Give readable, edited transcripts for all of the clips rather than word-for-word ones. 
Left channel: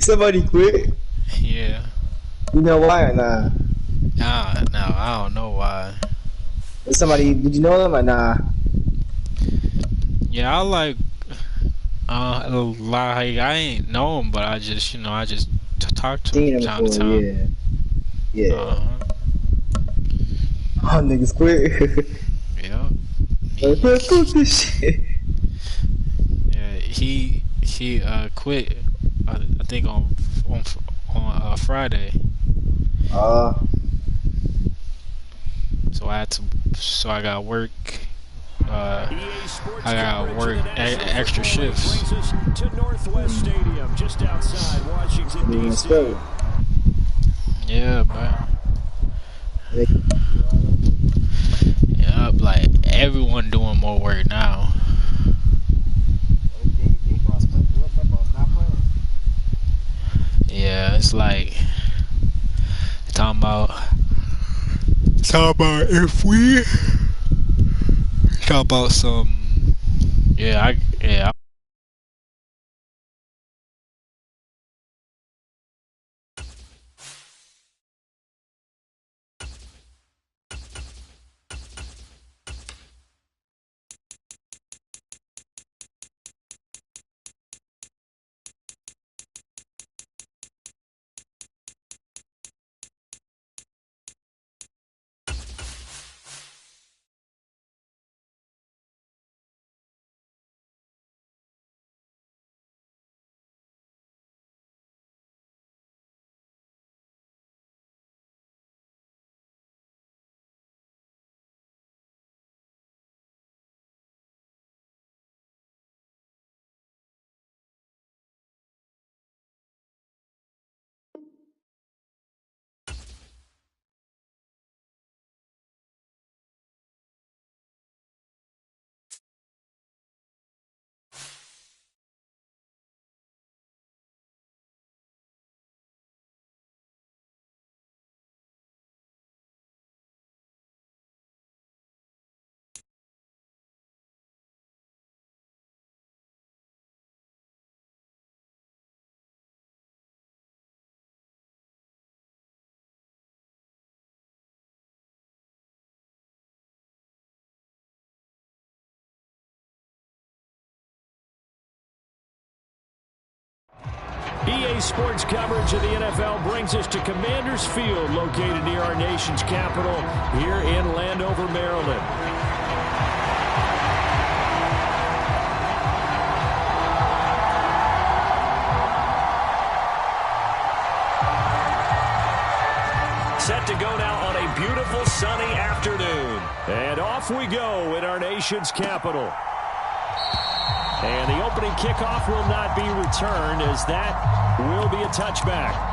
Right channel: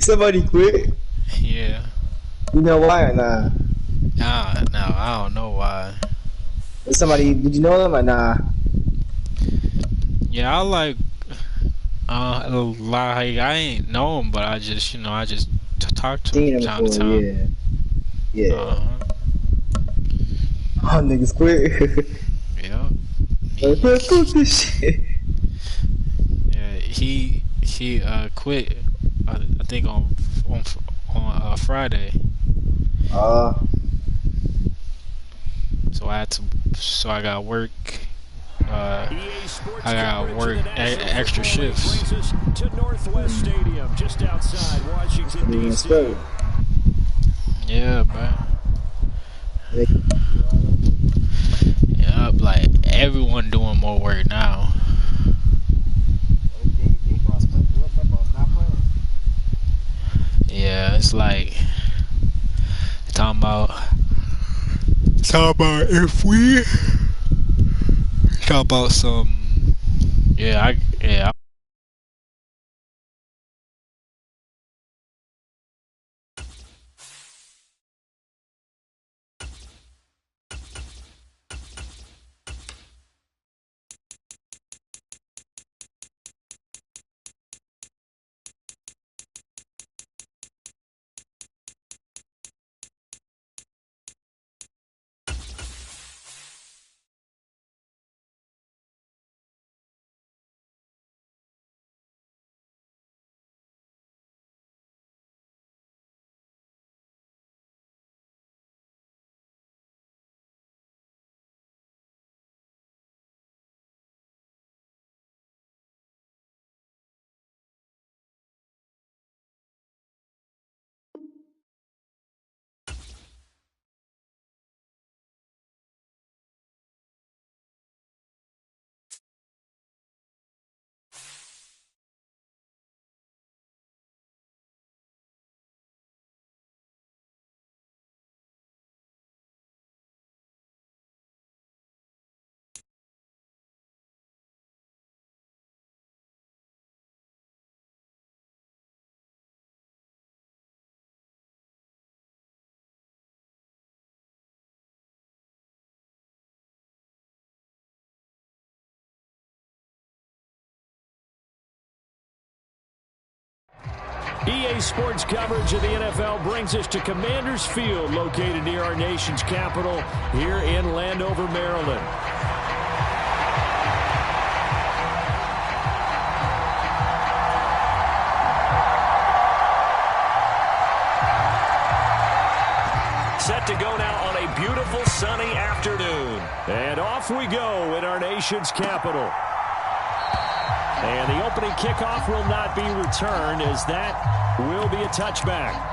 Somebody quit. Yeah. You know why or nah? No, I don't know why. Somebody, did you know them or nah? Yeah, I like I ain't know him, but I just talk to Seen him them time to before, time. yeah. Uh-huh. Oh, niggas quit. Yeah. Fuck this shit. Yeah, he quit. I think on Friday. So I got work. I got work extra shifts. To Northwest Stadium, just outside Washington D.C. Yeah, man. Yeah, like everyone doing more work now. Yeah, it's like talking about if we talk about some. Yeah. EA Sports coverage of the NFL brings us to Commanders Field, located near our nation's capital here in Landover, Maryland. Set to go now on a beautiful sunny afternoon. And off we go in our nation's capital. And the opening kickoff will not be returned, as that will be a touchback.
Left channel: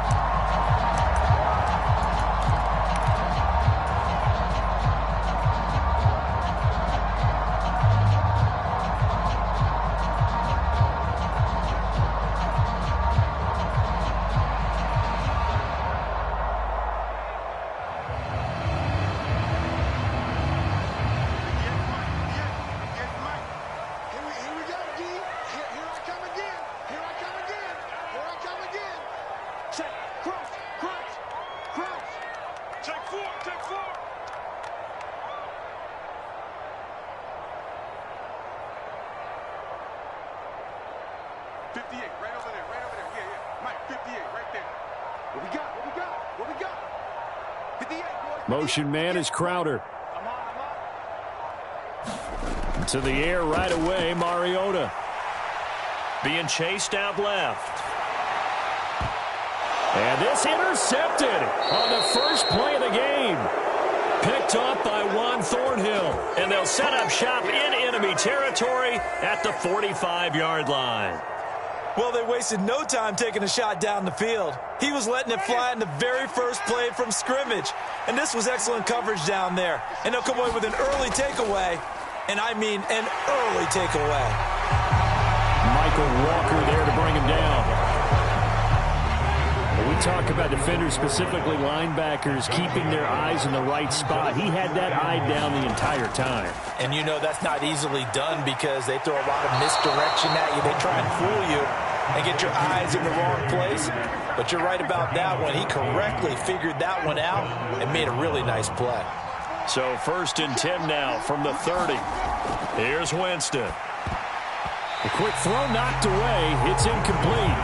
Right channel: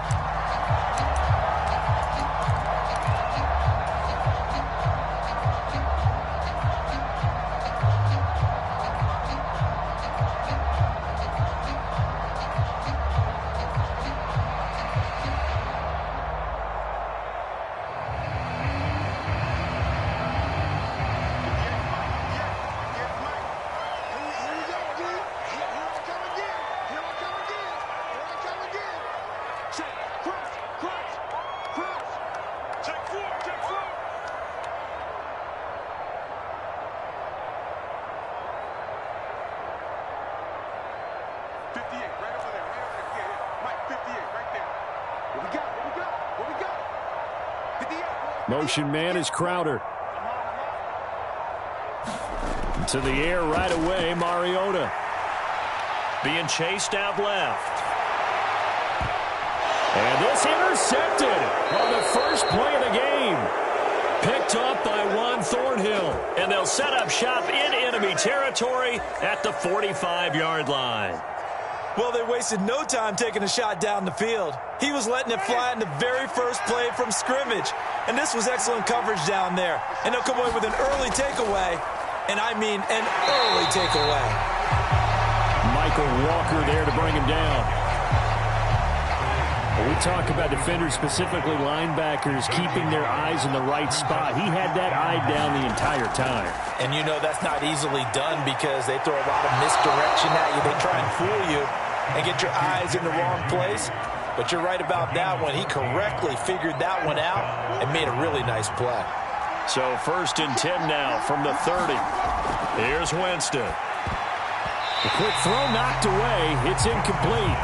Motion man is Crowder. To the air right away, Mariota. Being chased out left. And this intercepted on the first play of the game. Picked up by Juan Thornhill. And they'll set up shop in enemy territory at the 45-yard line. Well, they wasted no time taking a shot down the field. He was letting it fly in the very first play from scrimmage. And this was excellent coverage down there. And they'll come away with an early takeaway. And I mean an early takeaway. Michael Walker there to bring him down. When we talk about defenders, specifically linebackers, keeping their eyes in the right spot, he had that eye down the entire time. And you know that's not easily done because they throw a lot of misdirection at you. They try and fool you. and get your eyes in the wrong place. But you're right about that one. He correctly figured that one out and made a really nice play. So 1st and 10 now from the 30. Here's Winston. A quick throw knocked away. It's incomplete.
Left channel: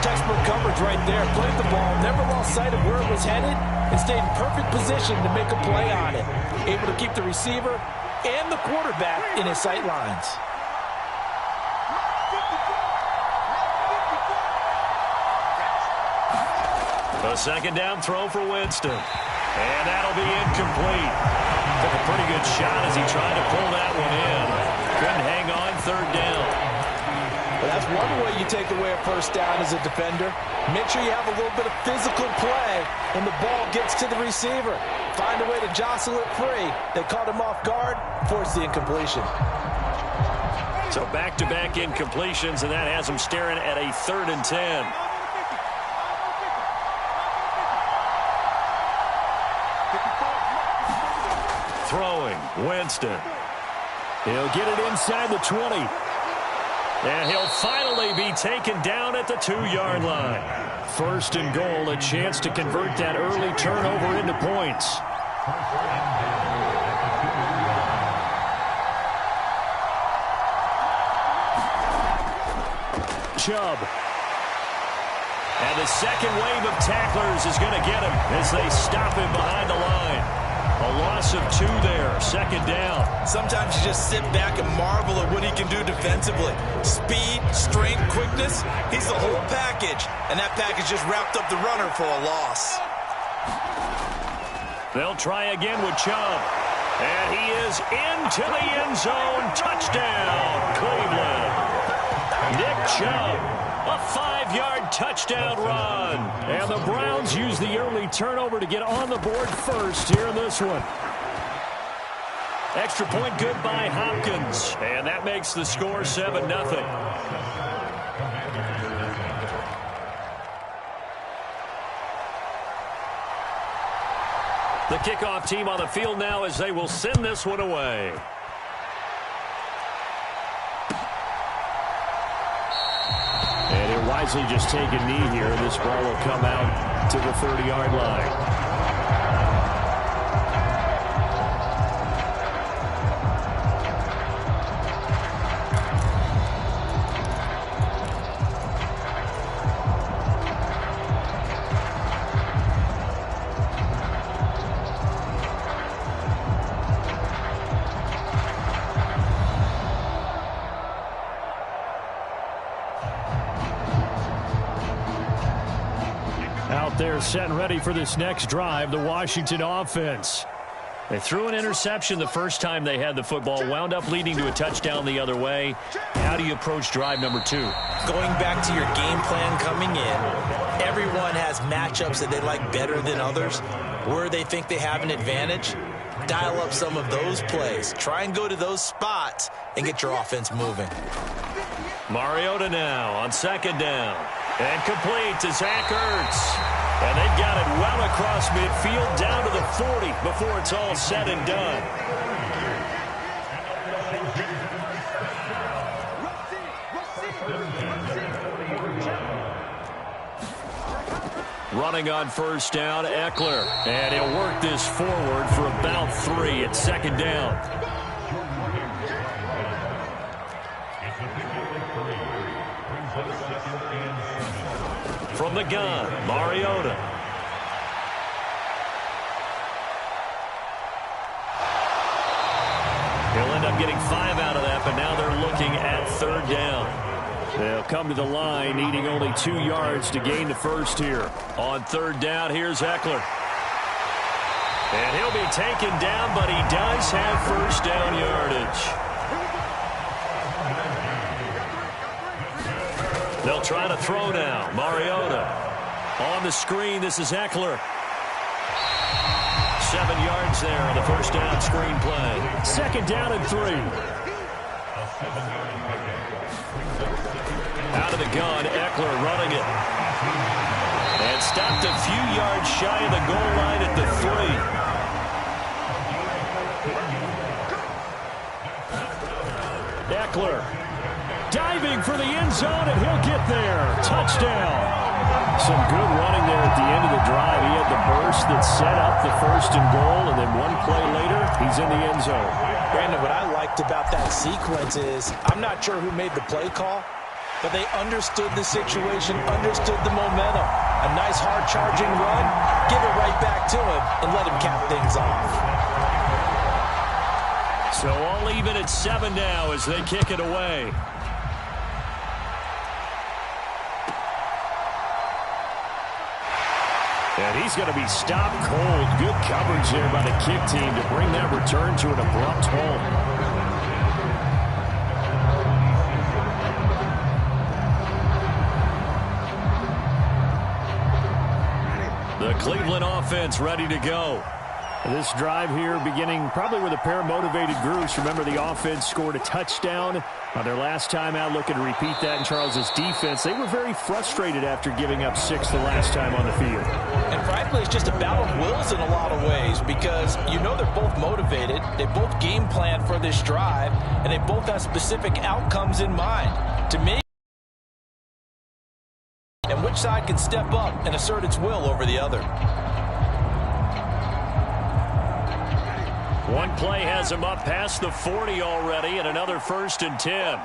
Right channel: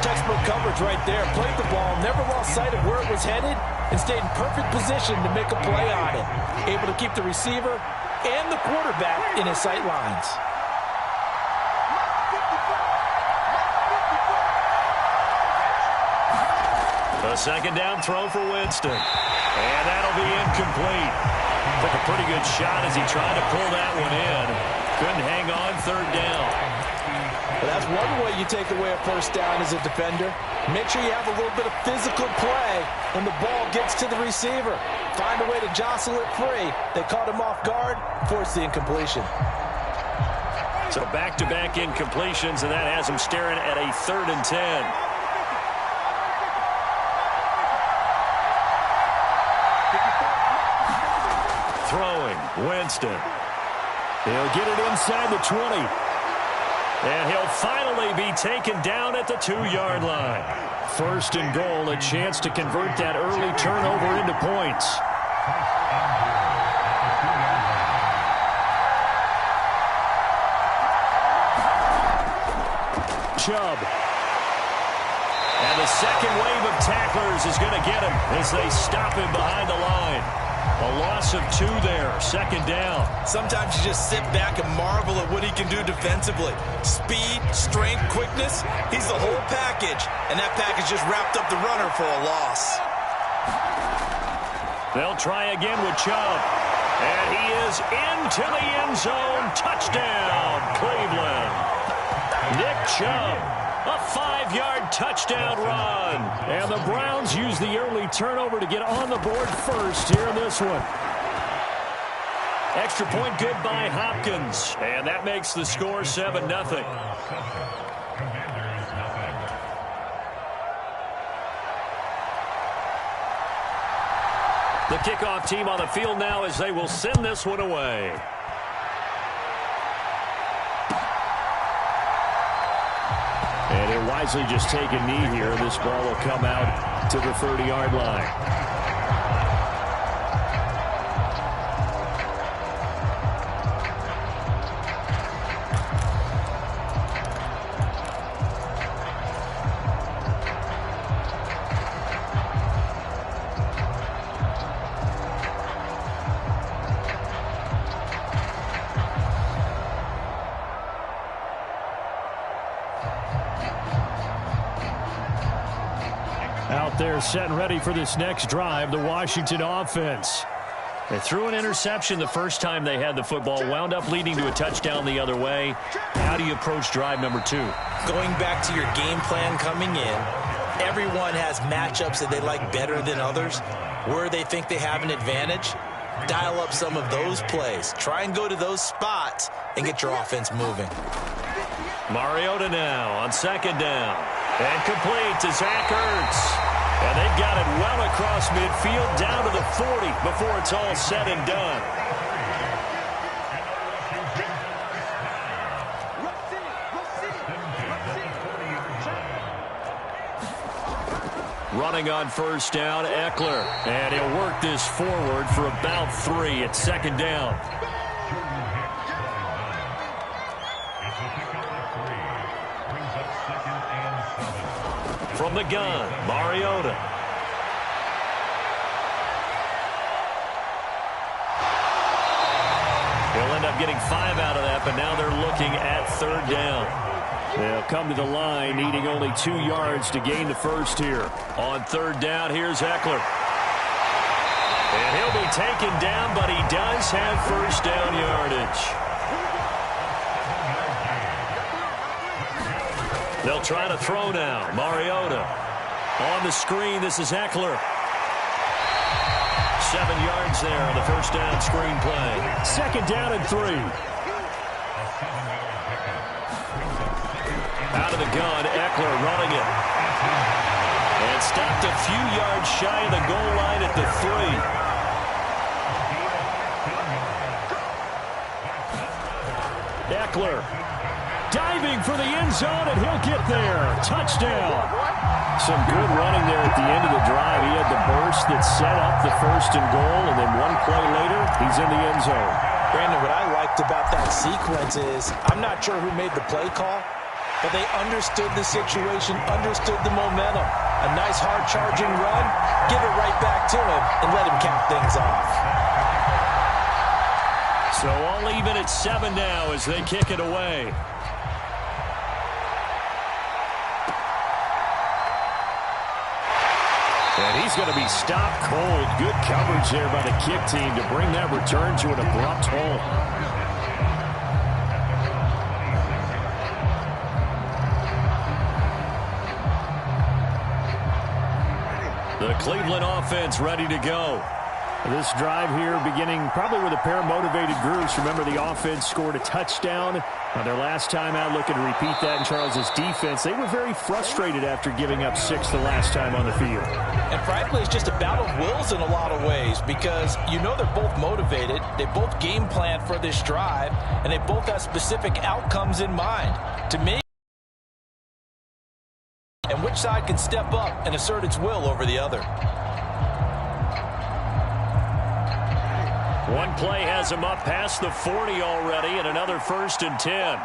Textbook coverage right there. Played the ball, never lost sight of where it was headed, and stayed in perfect position to make a play on it. Able to keep the receiver and the quarterback in his sight lines. A 2nd down throw for Winston. And that'll be incomplete. Took a pretty good shot as he tried to pull that one in. Couldn't hang on 3rd down. Well, that's one way you take away a 1st down as a defender. Make sure you have a little bit of physical play when the ball gets to the receiver. Find a way to jostle it free. They caught him off guard, forced the incompletion. So back-to-back incompletions, and that has him staring at a 3rd and 10. Throwing, Winston. He'll get it inside the 20. And he'll finally be taken down at the 2-yard line. 1st and goal, a chance to convert that early turnover into points. Chubb. And the second wave of tacklers is going to get him as they stop him behind the line. A loss of 2 there, 2nd down. Sometimes you just sit back and marvel at what he can do defensively. Speed, strength, quickness, he's the whole package. And that package just wrapped up the runner for a loss. They'll try again with Chubb. And he is into the end zone. Touchdown, Cleveland. Nick Chubb. A 5-yard touchdown run. And the Browns use the early turnover to get on the board first here in this one. Extra point good by Hopkins. And that makes the score 7-0. The kickoff team on the field now as they will send this one away. And he'll wisely just take a knee here. This ball will come out to the 30-yard line. Out there set and ready for this next drive, the Washington offense. They threw an interception the first time they had the football, wound up leading to a touchdown the other way. How do you approach drive number 2? Going back to your game plan coming in, everyone has matchups that they like better than others. Where they think they have an advantage, dial up some of those plays. Try and go to those spots and get your offense moving. Mariota now on 2nd down. And complete to Zach Ertz. And they've got it well across midfield down to the 40 before it's all said and done. Running on 1st down, Eckler. And he'll work this forward for about 3 at 2nd down. From the gun, Mariota. He'll end up getting 5 out of that, but now they're looking at 3rd down. They'll come to the line, needing only 2 yards to gain the first here. On 3rd down, here's Eckler. And he'll be taken down, but he does have 1st down yardage. They'll try to throw now. Mariota. On the screen, this is Eckler. 7 yards there on the 1st down screen play. 2nd down and 3. Out of the gun, Eckler running it. And stopped a few yards shy of the goal line at the 3. Eckler diving for the end zone, and he'll get there. Touchdown. Some good running there at the end of the drive. He had the burst that set up the 1st and goal, and then one play later, he's in the end zone. Brandon, what I liked about that sequence is I'm not sure who made the play call, but they understood the situation, understood the momentum. A nice hard charging run, give it right back to him, and let him cap things off. So all even at 7 now as they kick it away. And he's going to be stopped cold. Good coverage there by the kick team to bring that return to an abrupt halt. The Cleveland offense ready to go. This drive here beginning probably with a pair of motivated groups. Remember, the offense scored a touchdown on their last time out, looking to repeat that in Charles's defense. They were very frustrated after giving up 6 the last time on the field. And frankly, it's just a battle of wills in a lot of ways because you know they're both motivated. They both game plan for this drive, and they both have specific outcomes in mind. To me, and which side can step up and assert its will over the other. One play has him up past the 40 already, and another 1st and 10.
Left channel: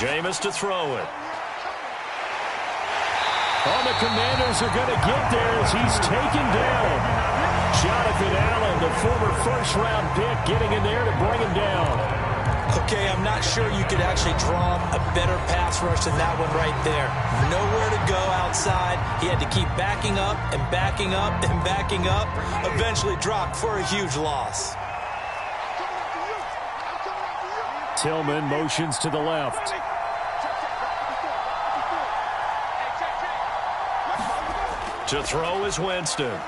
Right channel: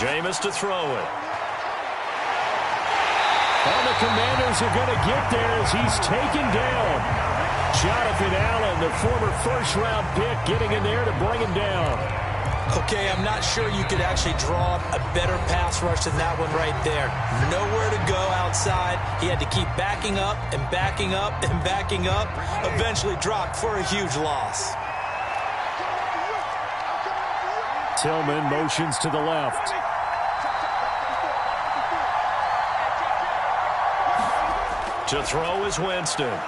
Jameis to throw it. Oh, the Commanders are going to get there as he's taken down. Jonathan Allen, the former 1st-round pick, getting in there to bring him down. Okay, I'm not sure you could actually draw a better pass rush than that one right there. Nowhere to go outside. He had to keep backing up and backing up and backing up. Eventually dropped for a huge loss. Tillman motions to the left. To throw is Winston.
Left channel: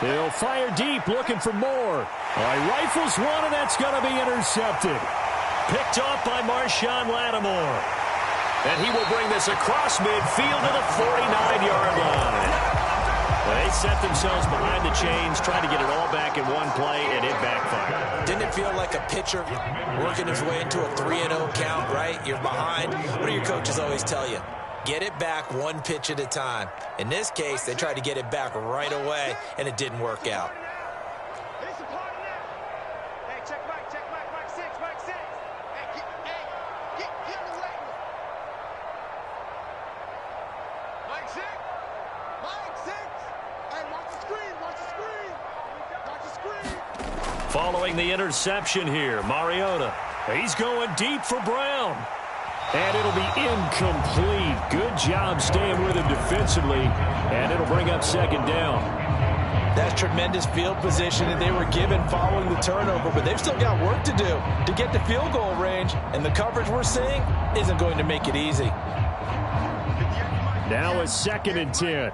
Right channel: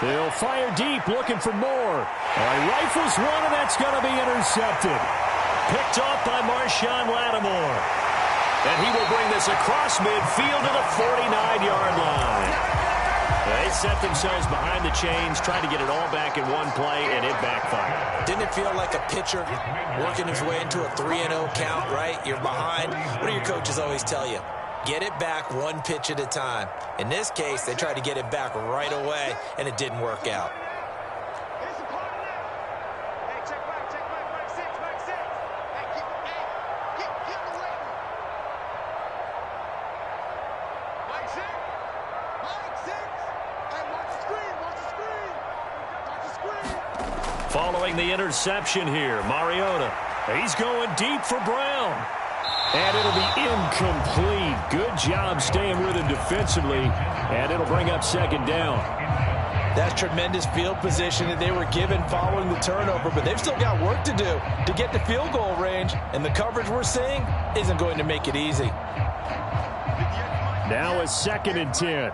They'll fire deep, looking for more. All right, rifles one, and that's going to be intercepted. Picked off by Marshawn Lattimore. And he will bring this across midfield to the 49-yard line. They set themselves behind the chains, trying to get it all back in one play, and it backfired. Didn't it feel like a pitcher working his way into a 3-0 count, right? You're behind. What do your coaches always tell you? Get it back one pitch at a time. In this case, they tried to get it back right away, and it didn't work out. Following the interception here, Mariota. He's going deep for Brown. And it'll be incomplete. Good job staying with him defensively. And it'll bring up 2nd down. That's tremendous field position that they were given following the turnover, but they've still got work to do to get to field goal range, and the coverage we're seeing isn't going to make it easy. Now a 2nd and 10.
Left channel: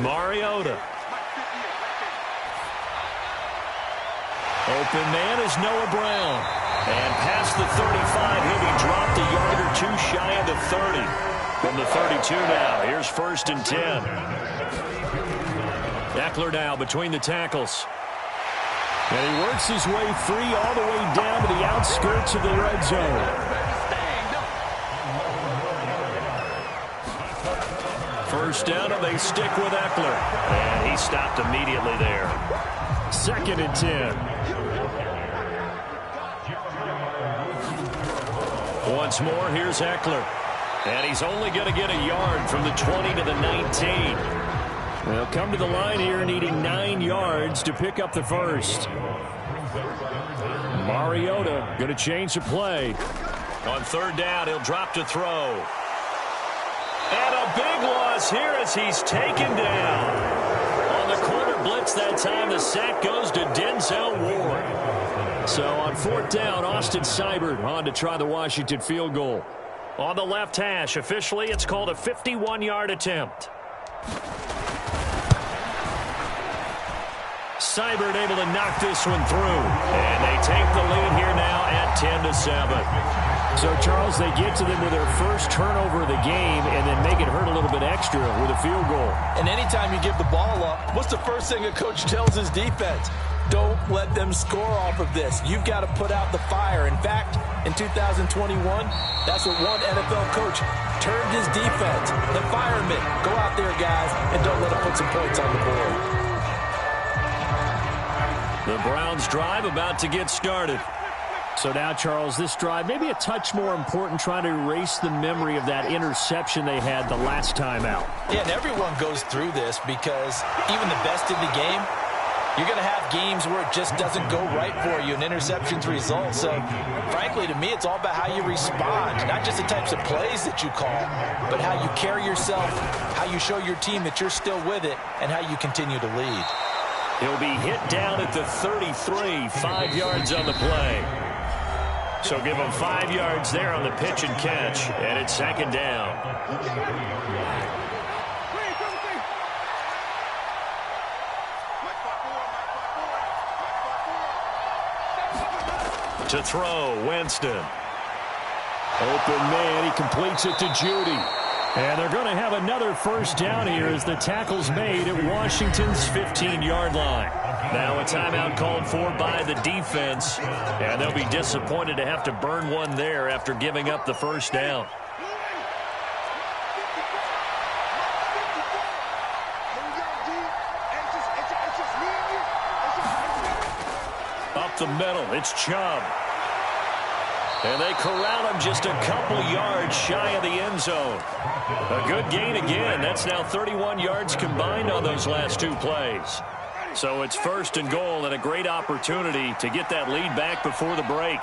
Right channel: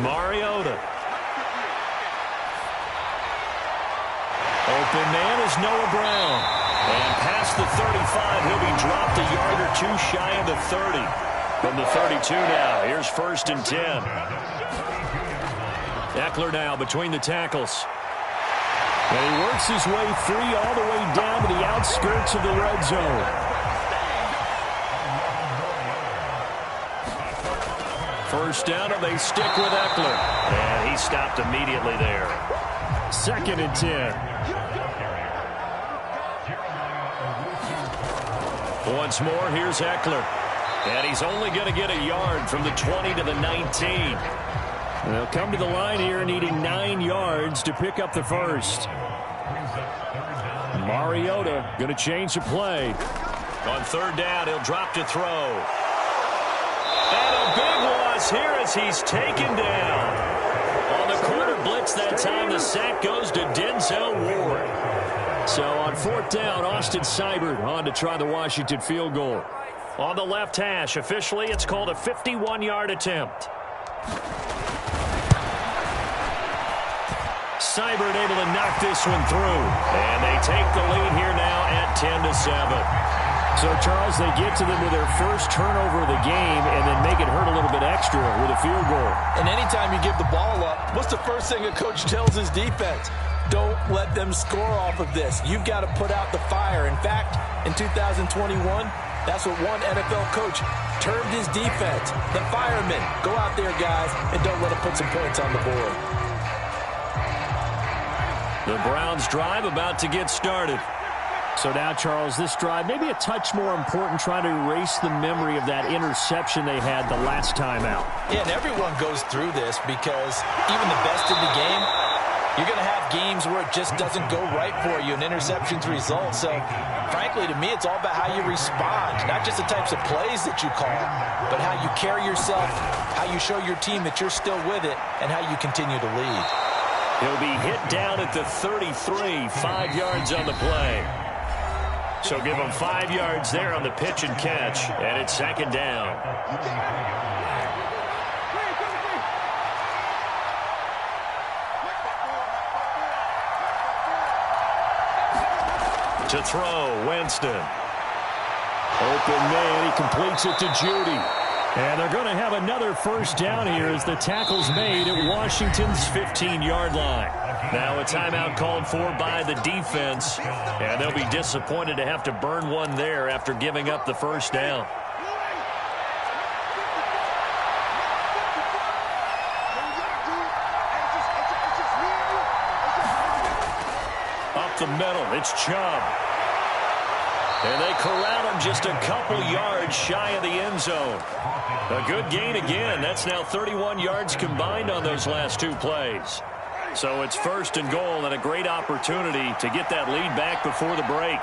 Mariota. Open man is Noah Brown. And past the 35, he'll be dropped a yard or two shy of the 30. From the 32 now, here's 1st and 10. Eckler now between the tackles. And he works his way free all the way down to the outskirts of the red zone. First down, and they stick with Eckler. And he stopped immediately there. 2nd and 10. Once more, here's Eckler. And he's only going to get a yard from the 20 to the 19. They'll come to the line here needing 9 yards to pick up the first. Mariota going to change the play. On 3rd down, he'll drop to throw. And a big loss here as he's taken down. On the corner blitz that time, the sack goes to Denzel Ward. So on 4th down, Austin Seibert on to try the Washington field goal. On the left hash, officially it's called a 51-yard attempt. Seibert able to knock this one through. And they take the lead here now at 10-7. So, Charles, they get to them with their first turnover of the game and then make it hurt a little bit extra with a field goal. And anytime you give the ball up, what's the first thing a coach tells his defense? Don't let them score off of this. You've got to put out the fire. In fact, in 2021, that's what one NFL coach termed his defense. The firemen. Go out there, guys, and don't let them put some points on the board. The Browns drive about to get started. So now, Charles, this drive maybe a touch more important, trying to erase the memory of that interception they had the last time out. Yeah, and everyone goes through this because even the best in the game, you're going to have games where it just doesn't go right for you and interceptions result. So, frankly, to me, it's all about how you respond, not just the types of plays that you call, but how you carry yourself, how you show your team that you're still with it, and how you continue to lead. He'll be hit down at the 33, 5 yards on the play. So give him 5 yards there on the pitch and catch, and it's second down. To throw, Winston. Open man, he completes it to Judy. And they're going to have another first down here as the tackle's made at Washington's 15-yard line. Now a timeout called for by the defense, and they'll be disappointed to have to burn one there after giving up the first down. Up the middle, it's Chubb. And they corral him just a couple yards shy of the end zone. A good gain again. That's now 31 yards combined on those last two plays. So it's first and goal and a great opportunity to get that lead back before the break.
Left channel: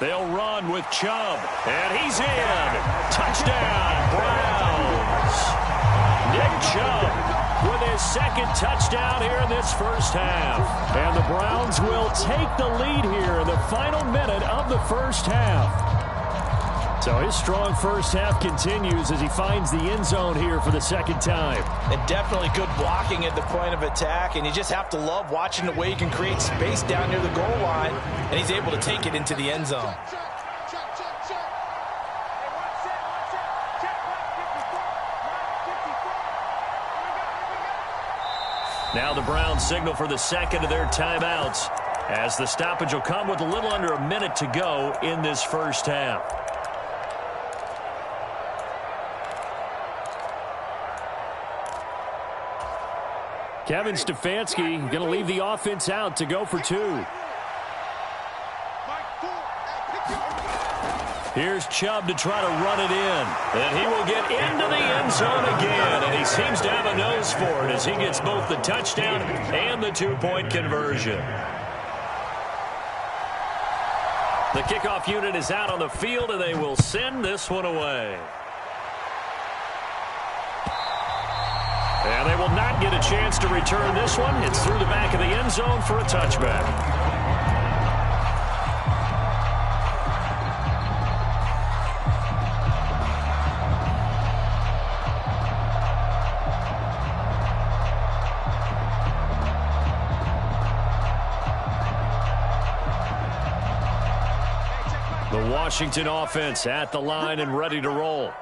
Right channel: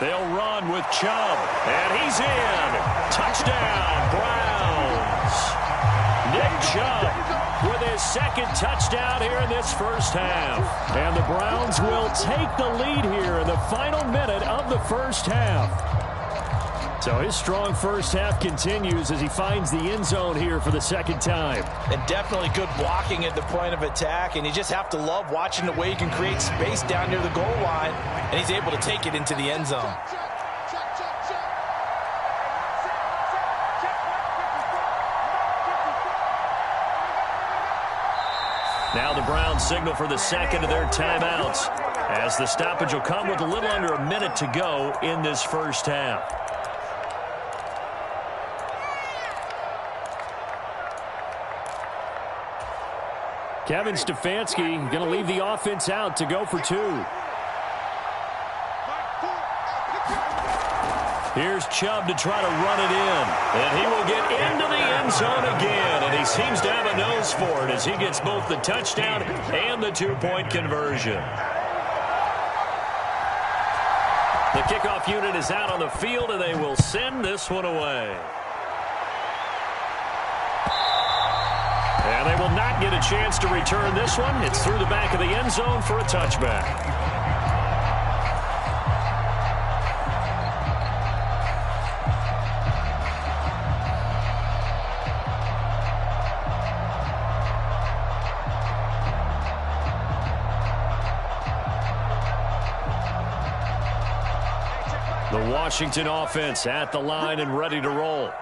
They'll run with Chubb, and he's in. Touchdown, Browns. Nick Chubb with his second touchdown here in this first half. And the Browns will take the lead here in the final minute of the first half. So his strong first half continues as he finds the end zone here for the second time. And definitely good blocking at the point of attack, and you just have to love watching the way he can create space down near the goal line, and he's able to take it into the end zone. Now the Browns signal for the second of their timeouts, as the stoppage will come with a little under a minute to go in this first half. Kevin Stefanski going to leave the offense out to go for two. Here's Chubb to try to run it in. And he will get into the end zone again. And he seems to have a nose for it as he gets both the touchdown and the two-point conversion. The kickoff unit is out on the field, and they will send this one away. And they will not get a chance to return this one. It's through the back of the end zone for a touchback. The Washington offense at the line and ready to roll.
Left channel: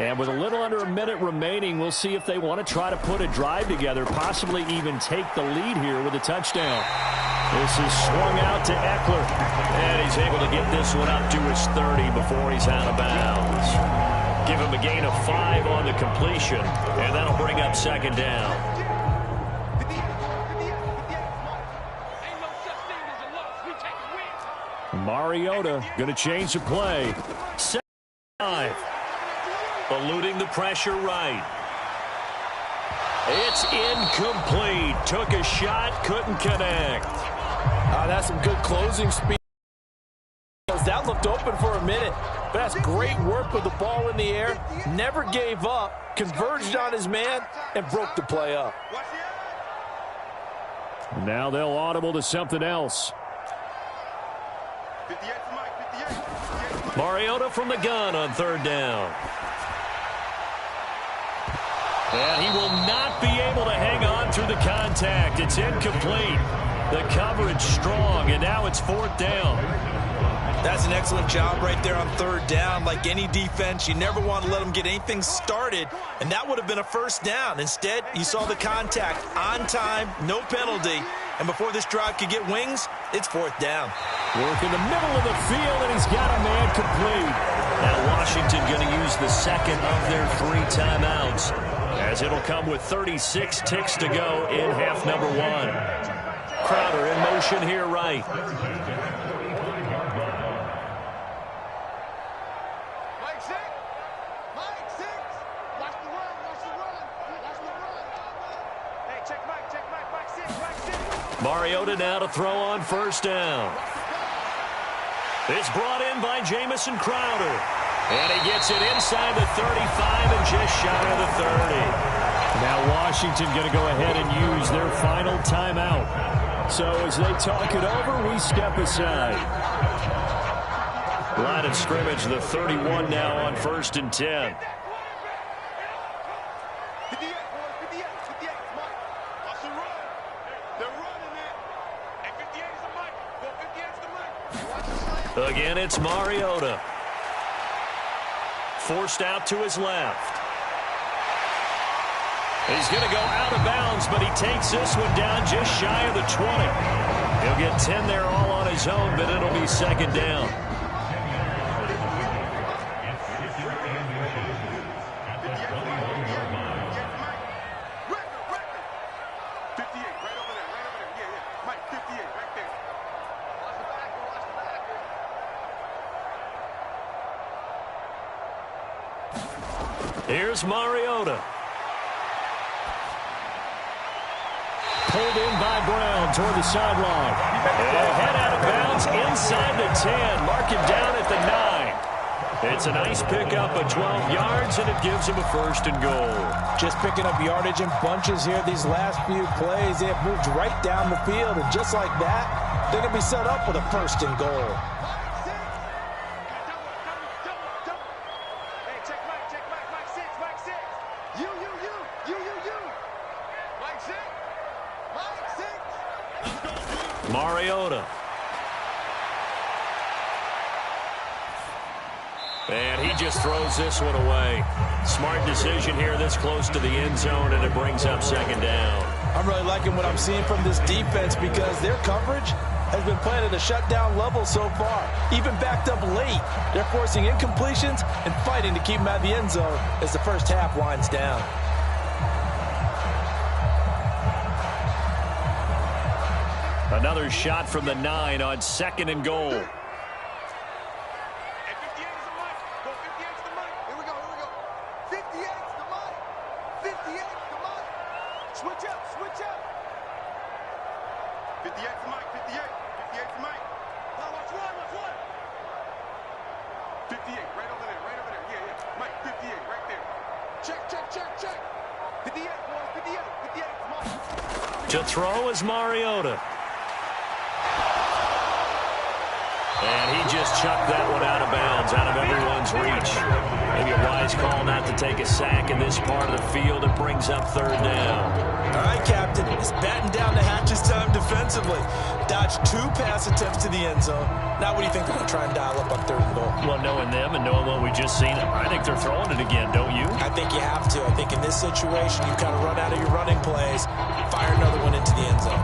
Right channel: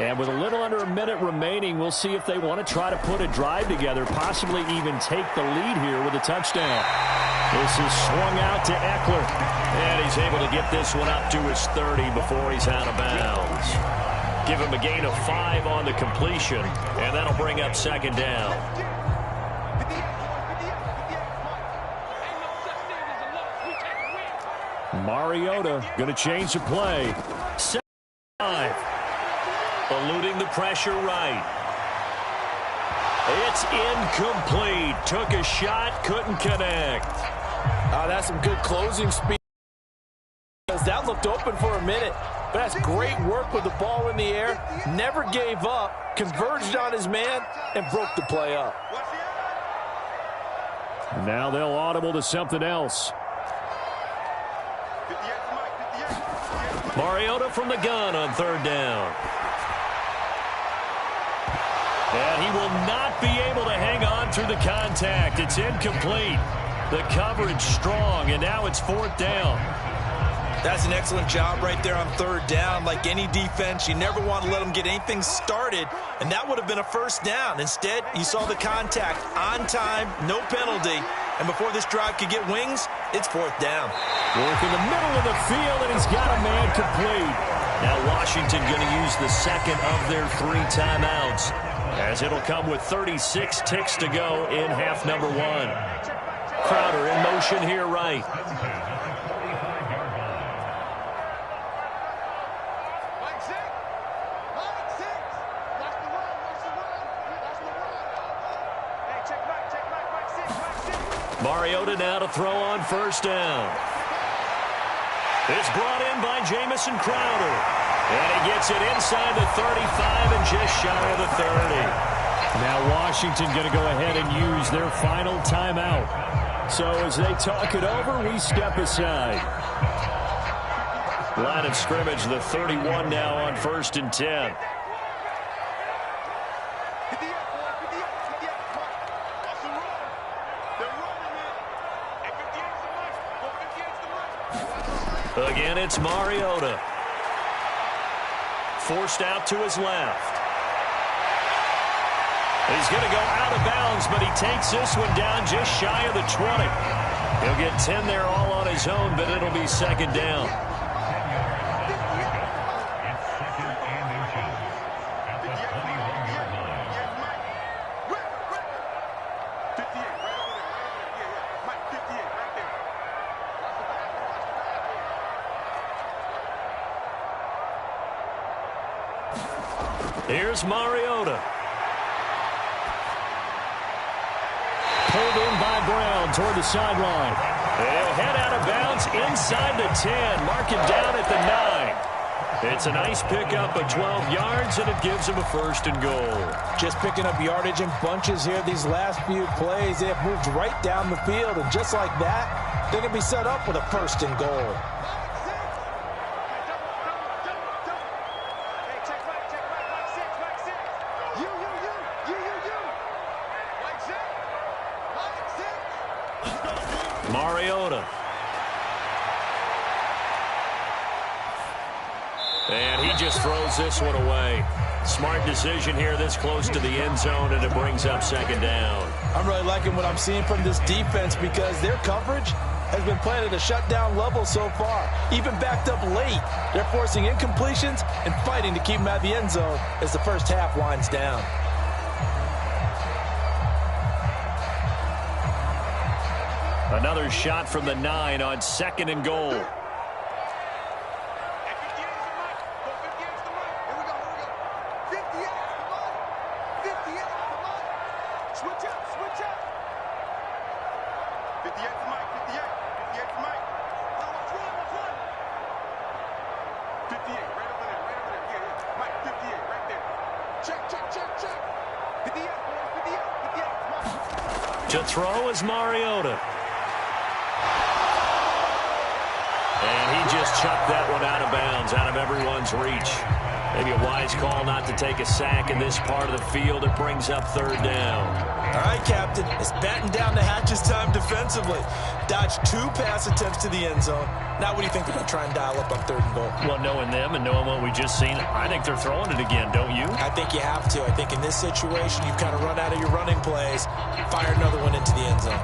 And with a little under a minute remaining, we'll see if they want to try to put a drive together, possibly even take the lead here with a touchdown. This is swung out to Eckler. And he's able to get this one up to his 30 before he's out of bounds. Give him a gain of 5 on the completion, and that'll bring up second down. Mariota going to change the play. 7-5. Eluding the pressure right. It's incomplete. Took a shot, couldn't connect. That's some good closing speed. That looked open for a minute. But that's great work with the ball in the air. Never gave up, converged on his man, and broke the play up. Now they'll audible to something else. Mariota from the gun on third down. And he will not be able to hang on through the contact. It's incomplete. The coverage strong, and now it's fourth down. That's an excellent job right there on third down. Like any defense, you never want to let them get anything started, and that would have been a first down. Instead, you saw the contact on time, no penalty, and before this drive could get wings, it's fourth down. Work in the middle of the field, and he's got a man complete. Now Washington going to use the second of their 3 timeouts, as it'll come with 36 ticks to go in half number 1. Crowder in motion here right. Mariota now to throw on first down. It's brought in by Jamison Crowder. And he gets it inside the 35 and just shy of the 30. Now Washington going to go ahead and use their final timeout. So as they talk it over, we step aside. Line of scrimmage, the 31 now on 1st and 10. Again, it's Mariota. Forced out to his left. He's going to go out of bounds, but he takes this one down just shy of the 20. He'll get 10 there all on his own, but it'll be second down. Here's Mariota. Pulled in by Brown toward the sideline. He'll head out of bounds inside the 10. Mark him down at the 9. It's a nice pickup of 12 yards, and it gives him a 1st and goal. Just picking up yardage in bunches here these last few plays. They have moved right down the field, and just like that, they're going to be set up with a 1st and goal. Mariota. And he just throws this one away. Smart decision here this close to the end zone, and it brings up second down. I'm really liking what I'm seeing from this defense because their coverage has been playing at a shutdown level so far. Even backed up late, they're forcing incompletions and fighting to keep them out of the end zone as the first half winds down. Another shot from the 9 on 2nd and goal. To throw is Mariota. And he just chucked that one out of bounds, out of everyone's reach. Maybe a wise call not to take a sack in this part of the field. It brings up 3rd down. All right, Captain. It's batten down the hatches time defensively. Dodged 2 pass attempts to the end zone. Now what do you think they're going to try and dial up on 3rd and goal? Well, knowing them and knowing what we just seen, I think they're throwing it again, don't you? I think you have to. I think in this situation, you kind of run out of your running plays, fire another one into the end zone.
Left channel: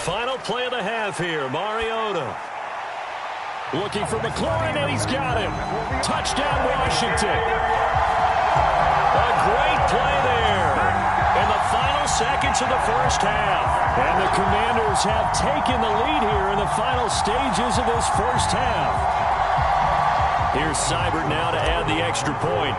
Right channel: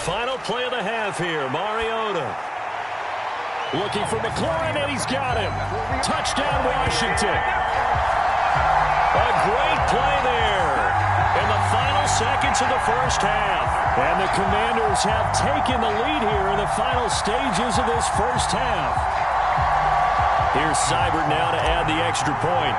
Final play of the half here. Mariota looking for McLaurin, and he's got him. Touchdown, Washington. A great play there in the final seconds of the first half. And the Commanders have taken the lead here in the final stages of this first half. Here's Seibert now to add the extra point.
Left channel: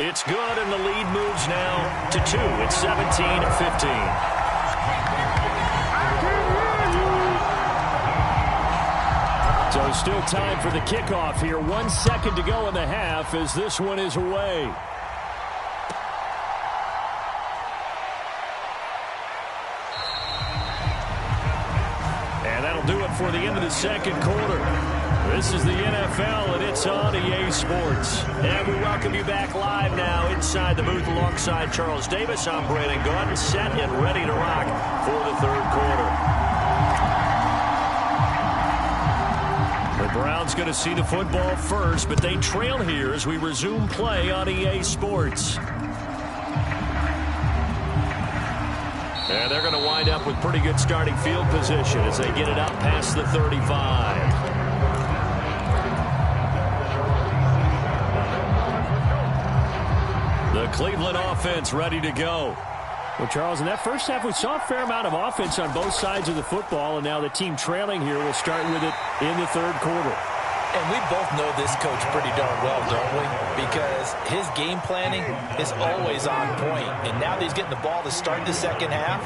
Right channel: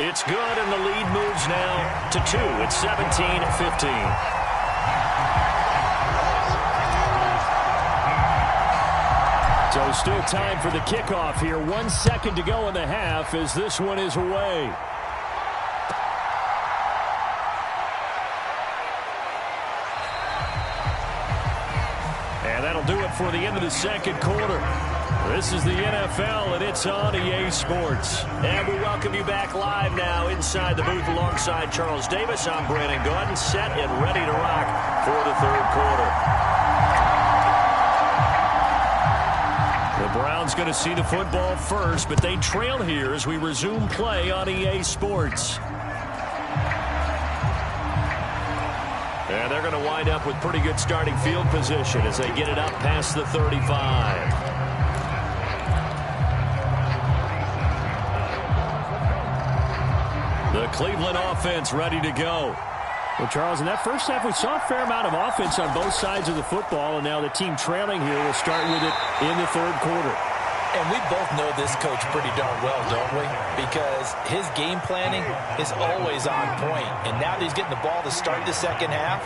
It's good, and the lead moves now to 2. It's 17-15. So still time for the kickoff here. 1 second to go in the half as this one is away. And that'll do it for the end of the second quarter. This is the NFL, and it's on EA Sports. And we welcome you back live now inside the booth alongside Charles Davis. I'm Brandon Gaudin, set and ready to rock for the third quarter. The Browns going to see the football first, but they trail here as we resume play on EA Sports. And they're going to wind up with pretty good starting field position as they get it up past the 35. The Cleveland offense ready to go. Well, Charles, in that first half, we saw a fair amount of offense on both sides of the football, and now the team trailing here will start with it in the third quarter. And we both know this coach pretty darn well, don't we? Because his game planning is always on point. And now that he's getting the ball to start the second half,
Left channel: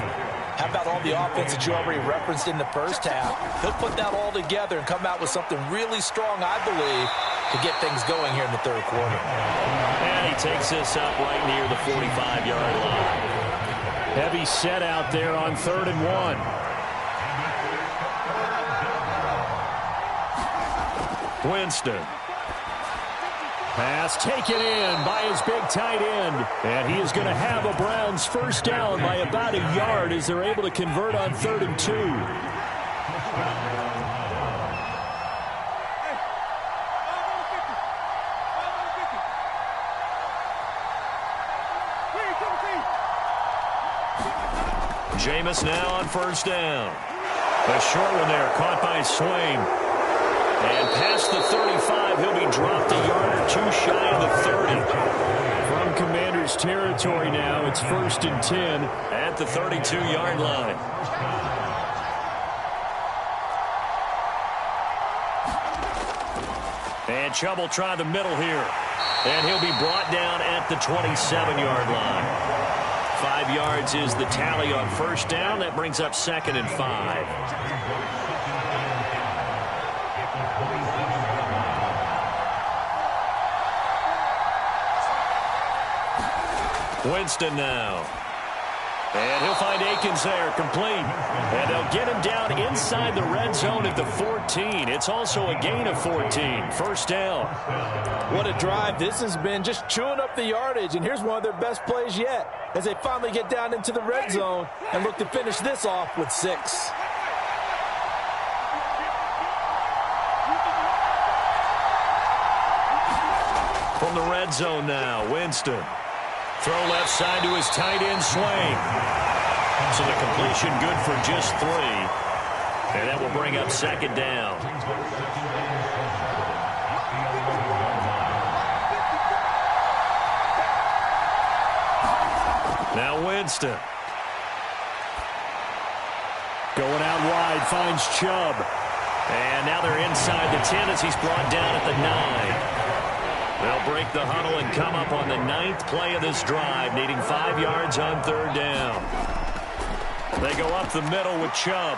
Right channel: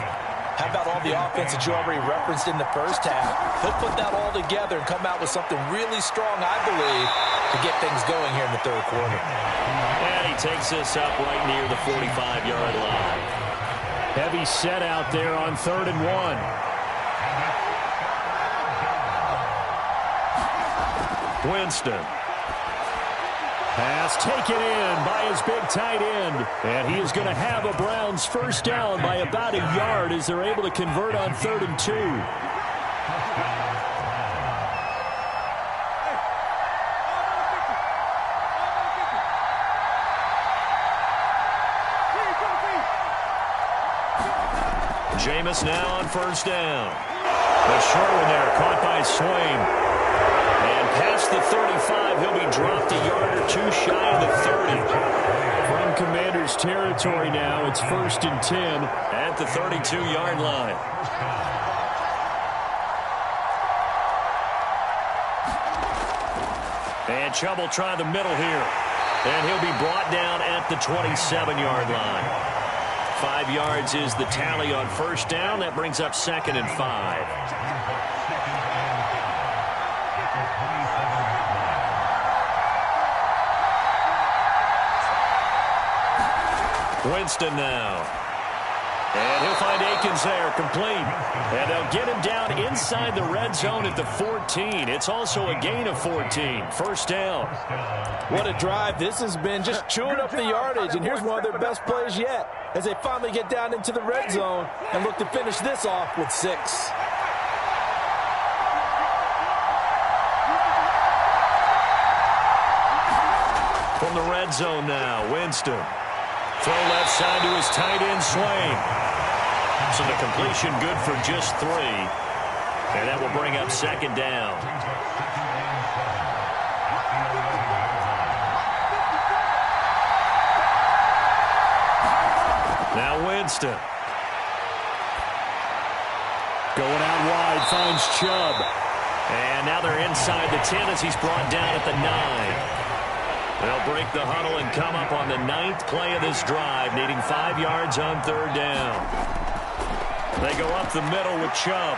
how about all the offense that you already referenced in the first half? He'll put that all together and come out with something really strong, I believe, to get things going here in the third quarter. And he takes this up right near the 45-yard line. Heavy set out there on 3rd and 1. Winston. Pass taken in by his big tight end. And he is going to have a Browns first down by about a yard as they're able to convert on 3rd and 2. Jameis now on first down. A short one there, caught by Swain. And past the 35, he'll be dropped a yard or two shy of the 30. From Commander's territory now, it's 1st and 10 at the 32-yard line. And Chubb will try the middle here. And he'll be brought down at the 27-yard line. 5 yards is the tally on first down. That brings up 2nd and 5. Winston now. And he'll find Akins there, complete. And they'll get him down inside the red zone at the 14. It's also a gain of 14. First down. What a drive. This has been just chewing up the yardage. And here's one of their best plays yet as they finally get down into the red zone and look to finish this off with 6. From the red zone now, Winston. Throw left side to his tight end, Swain. So the completion good for just 3. And that will bring up 2nd down. Now Winston. Going out wide, finds Chubb. And now they're inside the 10 as he's brought down at the 9. They'll break the huddle and come up on the 9th play of this drive, needing 5 yards on 3rd down. They go up the middle with Chubb.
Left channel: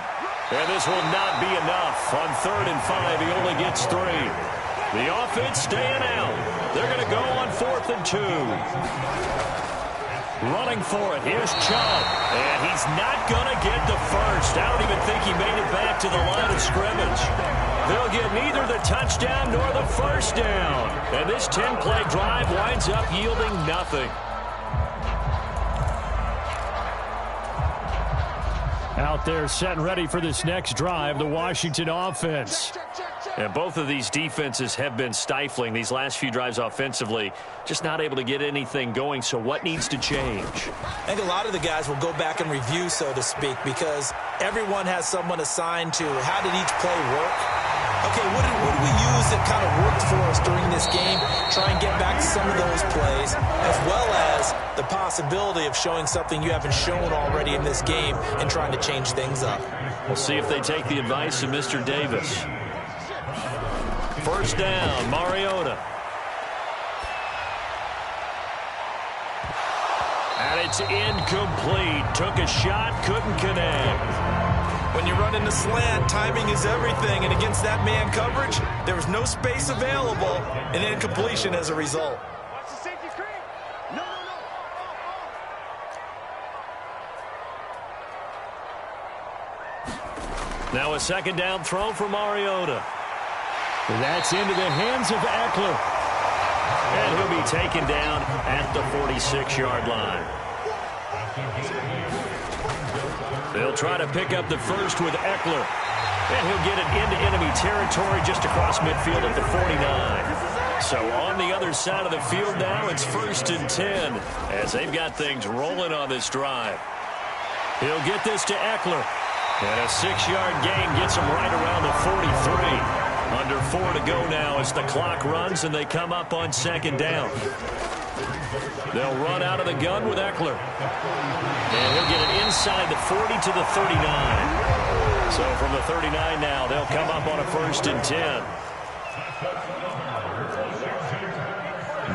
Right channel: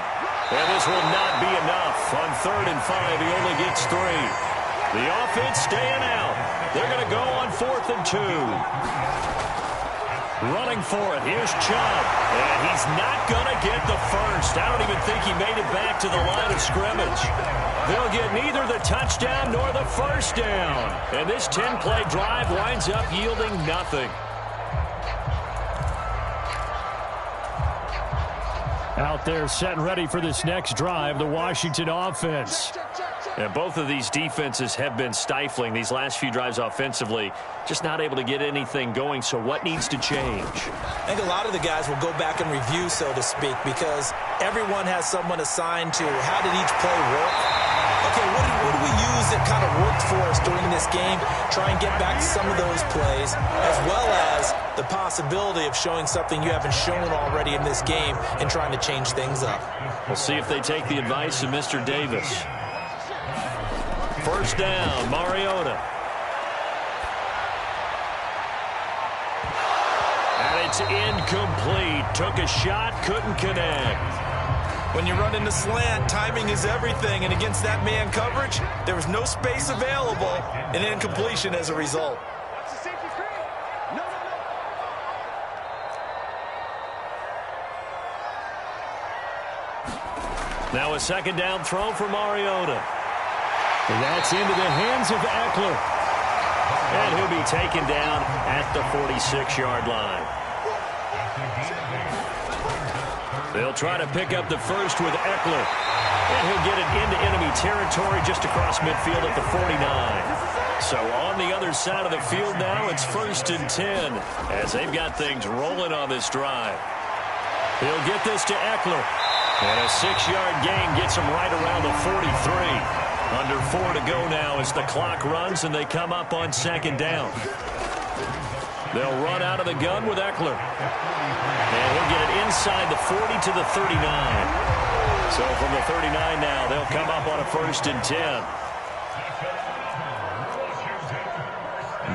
And this will not be enough. On 3rd and 5, he only gets 3. The offense staying out. They're going to go on 4th and 2. Running for it. Here's Chubb. And he's not going to get the first. I don't even think he made it back to the line of scrimmage. They'll get neither the touchdown nor the first down. And this 10-play drive winds up yielding nothing. Out there set and ready for this next drive, the Washington offense. And both of these defenses have been stifling these last few drives offensively. Just not able to get anything going, so what needs to change? I think a lot of the guys will go back and review, so to speak, because everyone has someone assigned to how did each play work. Okay, what did we use that kind of worked for us during this game? Try and get back to some of those plays, as well as the possibility of showing something you haven't shown already in this game and trying to change things up. We'll see if they take the advice of Mr. Davis. First down, Mariota. And it's incomplete. Took a shot, couldn't connect. When you run in the slant, timing is everything, and against that man coverage, there was no space available, and incompletion as a result. Watch the safety screen. No. Now a second down throw for Mariota. And that's into the hands of Eckler. And he'll be taken down at the 46-yard line. They'll try to pick up the first with Eckler. And he'll get it into enemy territory just across midfield at the 49. So on the other side of the field now, it's 1st and 10 as they've got things rolling on this drive. He'll get this to Eckler. And a 6-yard gain gets him right around the 43. Under 4 to go now as the clock runs and they come up on second down. They'll run out of the gun with Eckler. And he'll get it inside the 40 to the 39. So from the 39 now, they'll come up on a 1st and 10.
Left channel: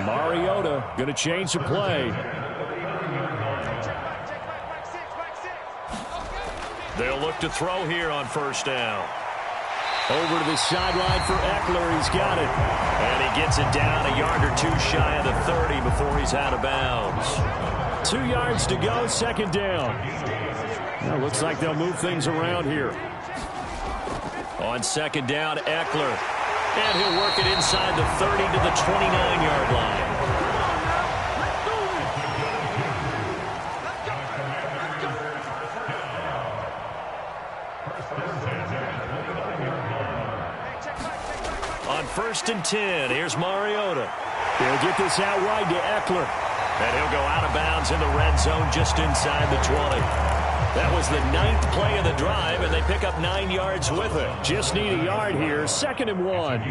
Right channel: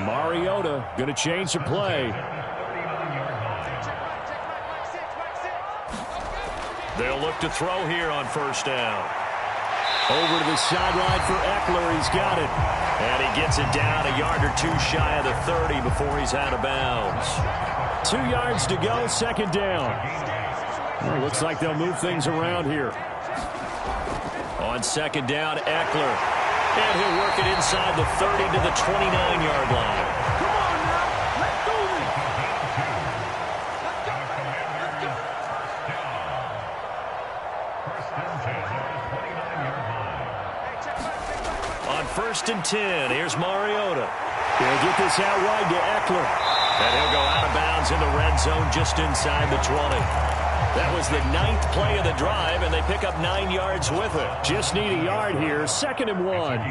Mariota going to change the play. They'll look to throw here on 1st down. Over to the sideline for Eckler. He's got it. And he gets it down a yard or two shy of the 30 before he's out of bounds. 2 yards to go, second down. Well, looks like they'll move things around here. On second down, Eckler. And he'll work it inside the 30 to the 29-yard line. Come on now. Let's do this. Let's go. On 1st and 10, here's Mariota. They'll get this out wide to Eckler. And he'll go out of bounds in the red zone just inside the 20. That was the 9th play of the drive, and they pick up 9 yards with it. Just need a yard here. 2nd and 1.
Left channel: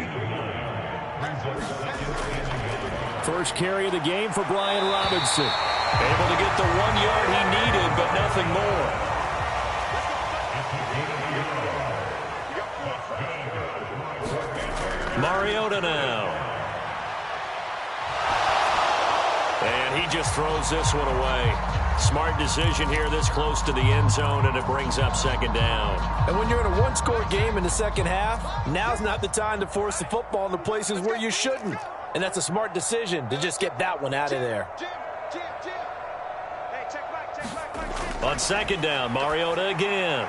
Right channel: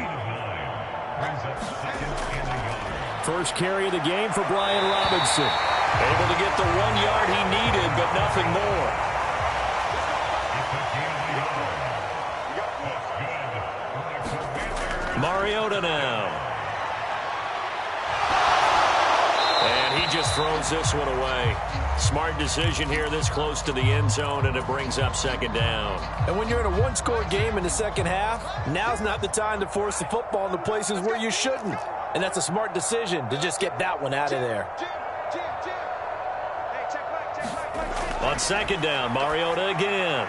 First carry of the game for Brian Robinson. Able to get the 1 yard he needed, but nothing more. Mariota now. And he just throws this one away. Smart decision here this close to the end zone, and it brings up second down. And when you're in a one-score game in the second half, now's not the time to force the football into places where you shouldn't. And that's a smart decision to just get that one out of there. Hey, check back. On second down, Mariota again.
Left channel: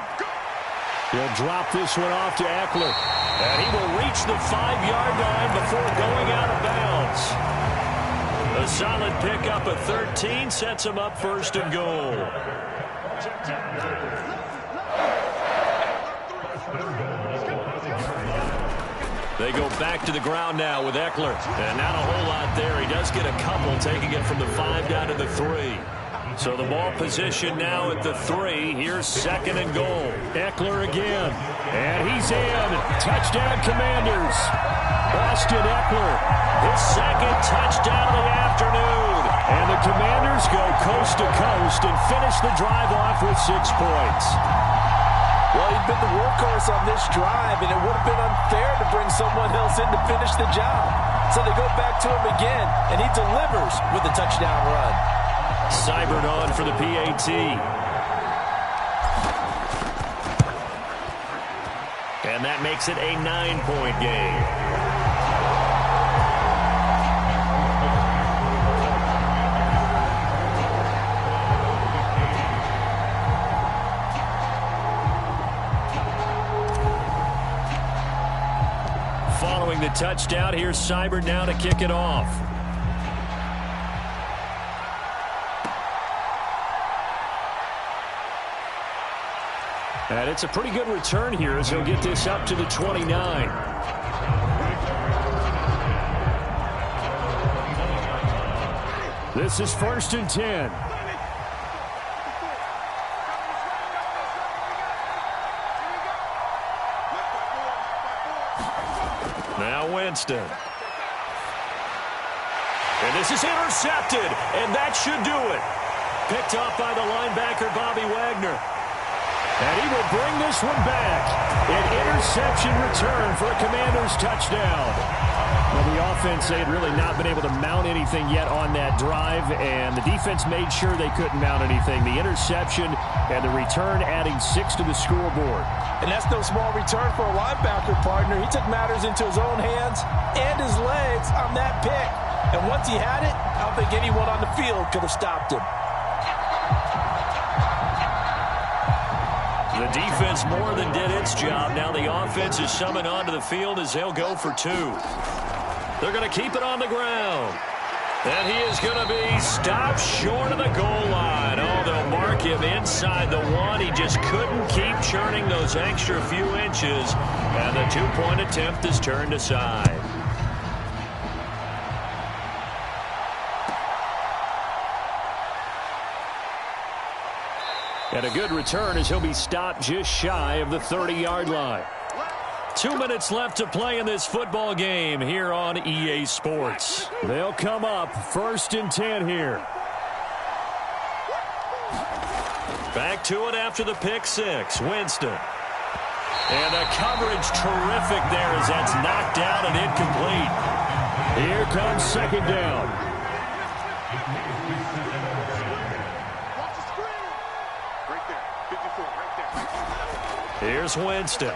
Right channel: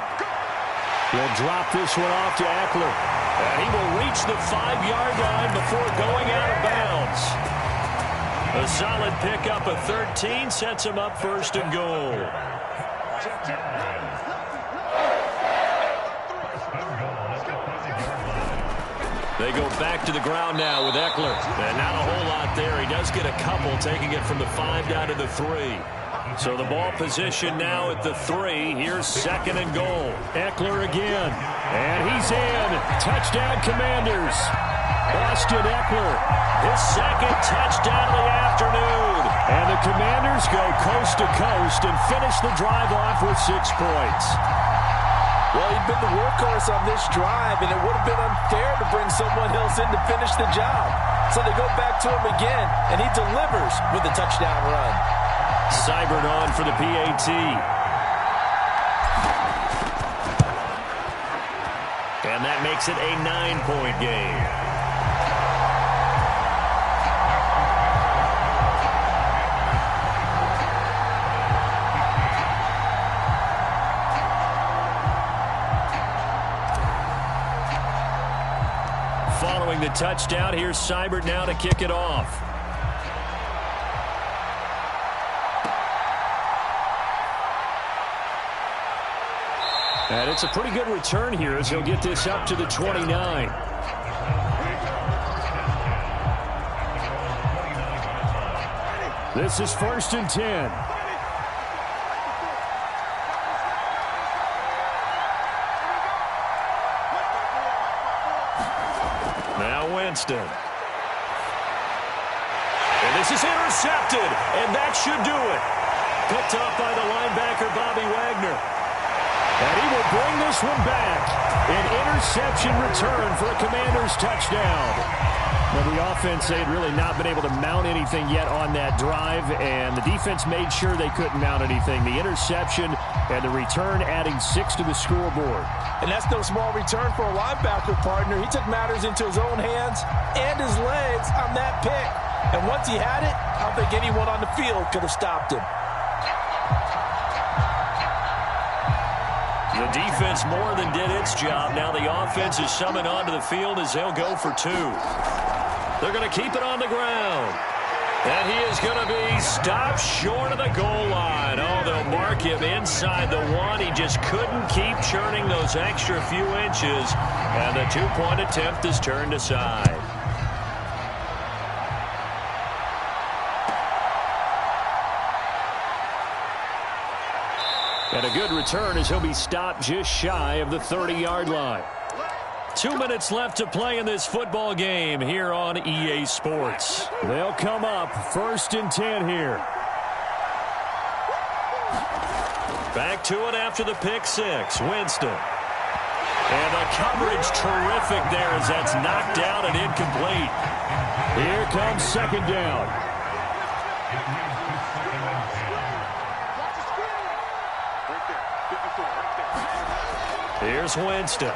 He'll drop this one off to Eckler. And he will reach the 5-yard line before going out of bounds. A solid pickup of 13 sets him up 1st and goal. They go back to the ground now with Eckler. And not a whole lot there. He does get a couple, taking it from the 5 down to the 3. So the ball position now at the 3. Here's 2nd and goal. Eckler again. And he's in. Touchdown, Commanders. Austin Eckler. His 2nd touchdown of the afternoon. And the Commanders go coast to coast and finish the drive off with 6 points. Well, he'd been the workhorse on this drive, and it would have been unfair to bring someone else in to finish the job. So they go back to him again, and he delivers with a touchdown run. Seibert on for the PAT. And that makes it a 9-point game. Following the touchdown, here's Seibert now to kick it off. And it's a pretty good return here as he'll get this up to the 29. This is 1st and 10. Winston. And this is intercepted, and that should do it. Picked off by the linebacker, Bobby Wagner. And he will bring this one back. An interception return for a Commanders touchdown. Now, the offense, they had really not been able to mount anything yet on that drive, and the defense made sure they couldn't mount anything. The interception and the return adding 6 to the scoreboard. And that's no small return for a linebacker, partner. He took matters into his own hands and his legs on that pick. And once he had it, I don't think anyone on the field could have stopped him. The defense more than did its job. Now the offense is summoned onto the field as they'll go for 2. They're going to keep it on the ground. And he is going to be stopped short of the goal line. Oh, they'll mark him inside the 1. He just couldn't keep churning those extra few inches. And the 2-point attempt is turned aside. And a good return as he'll be stopped just shy of the 30-yard line. 2 minutes left to play in this football game here on EA Sports. They'll come up 1st and 10 here. Back to it after the pick 6. Winston. And the coverage terrific there as that's knocked out and incomplete. Here comes 2nd down. Here's Winston.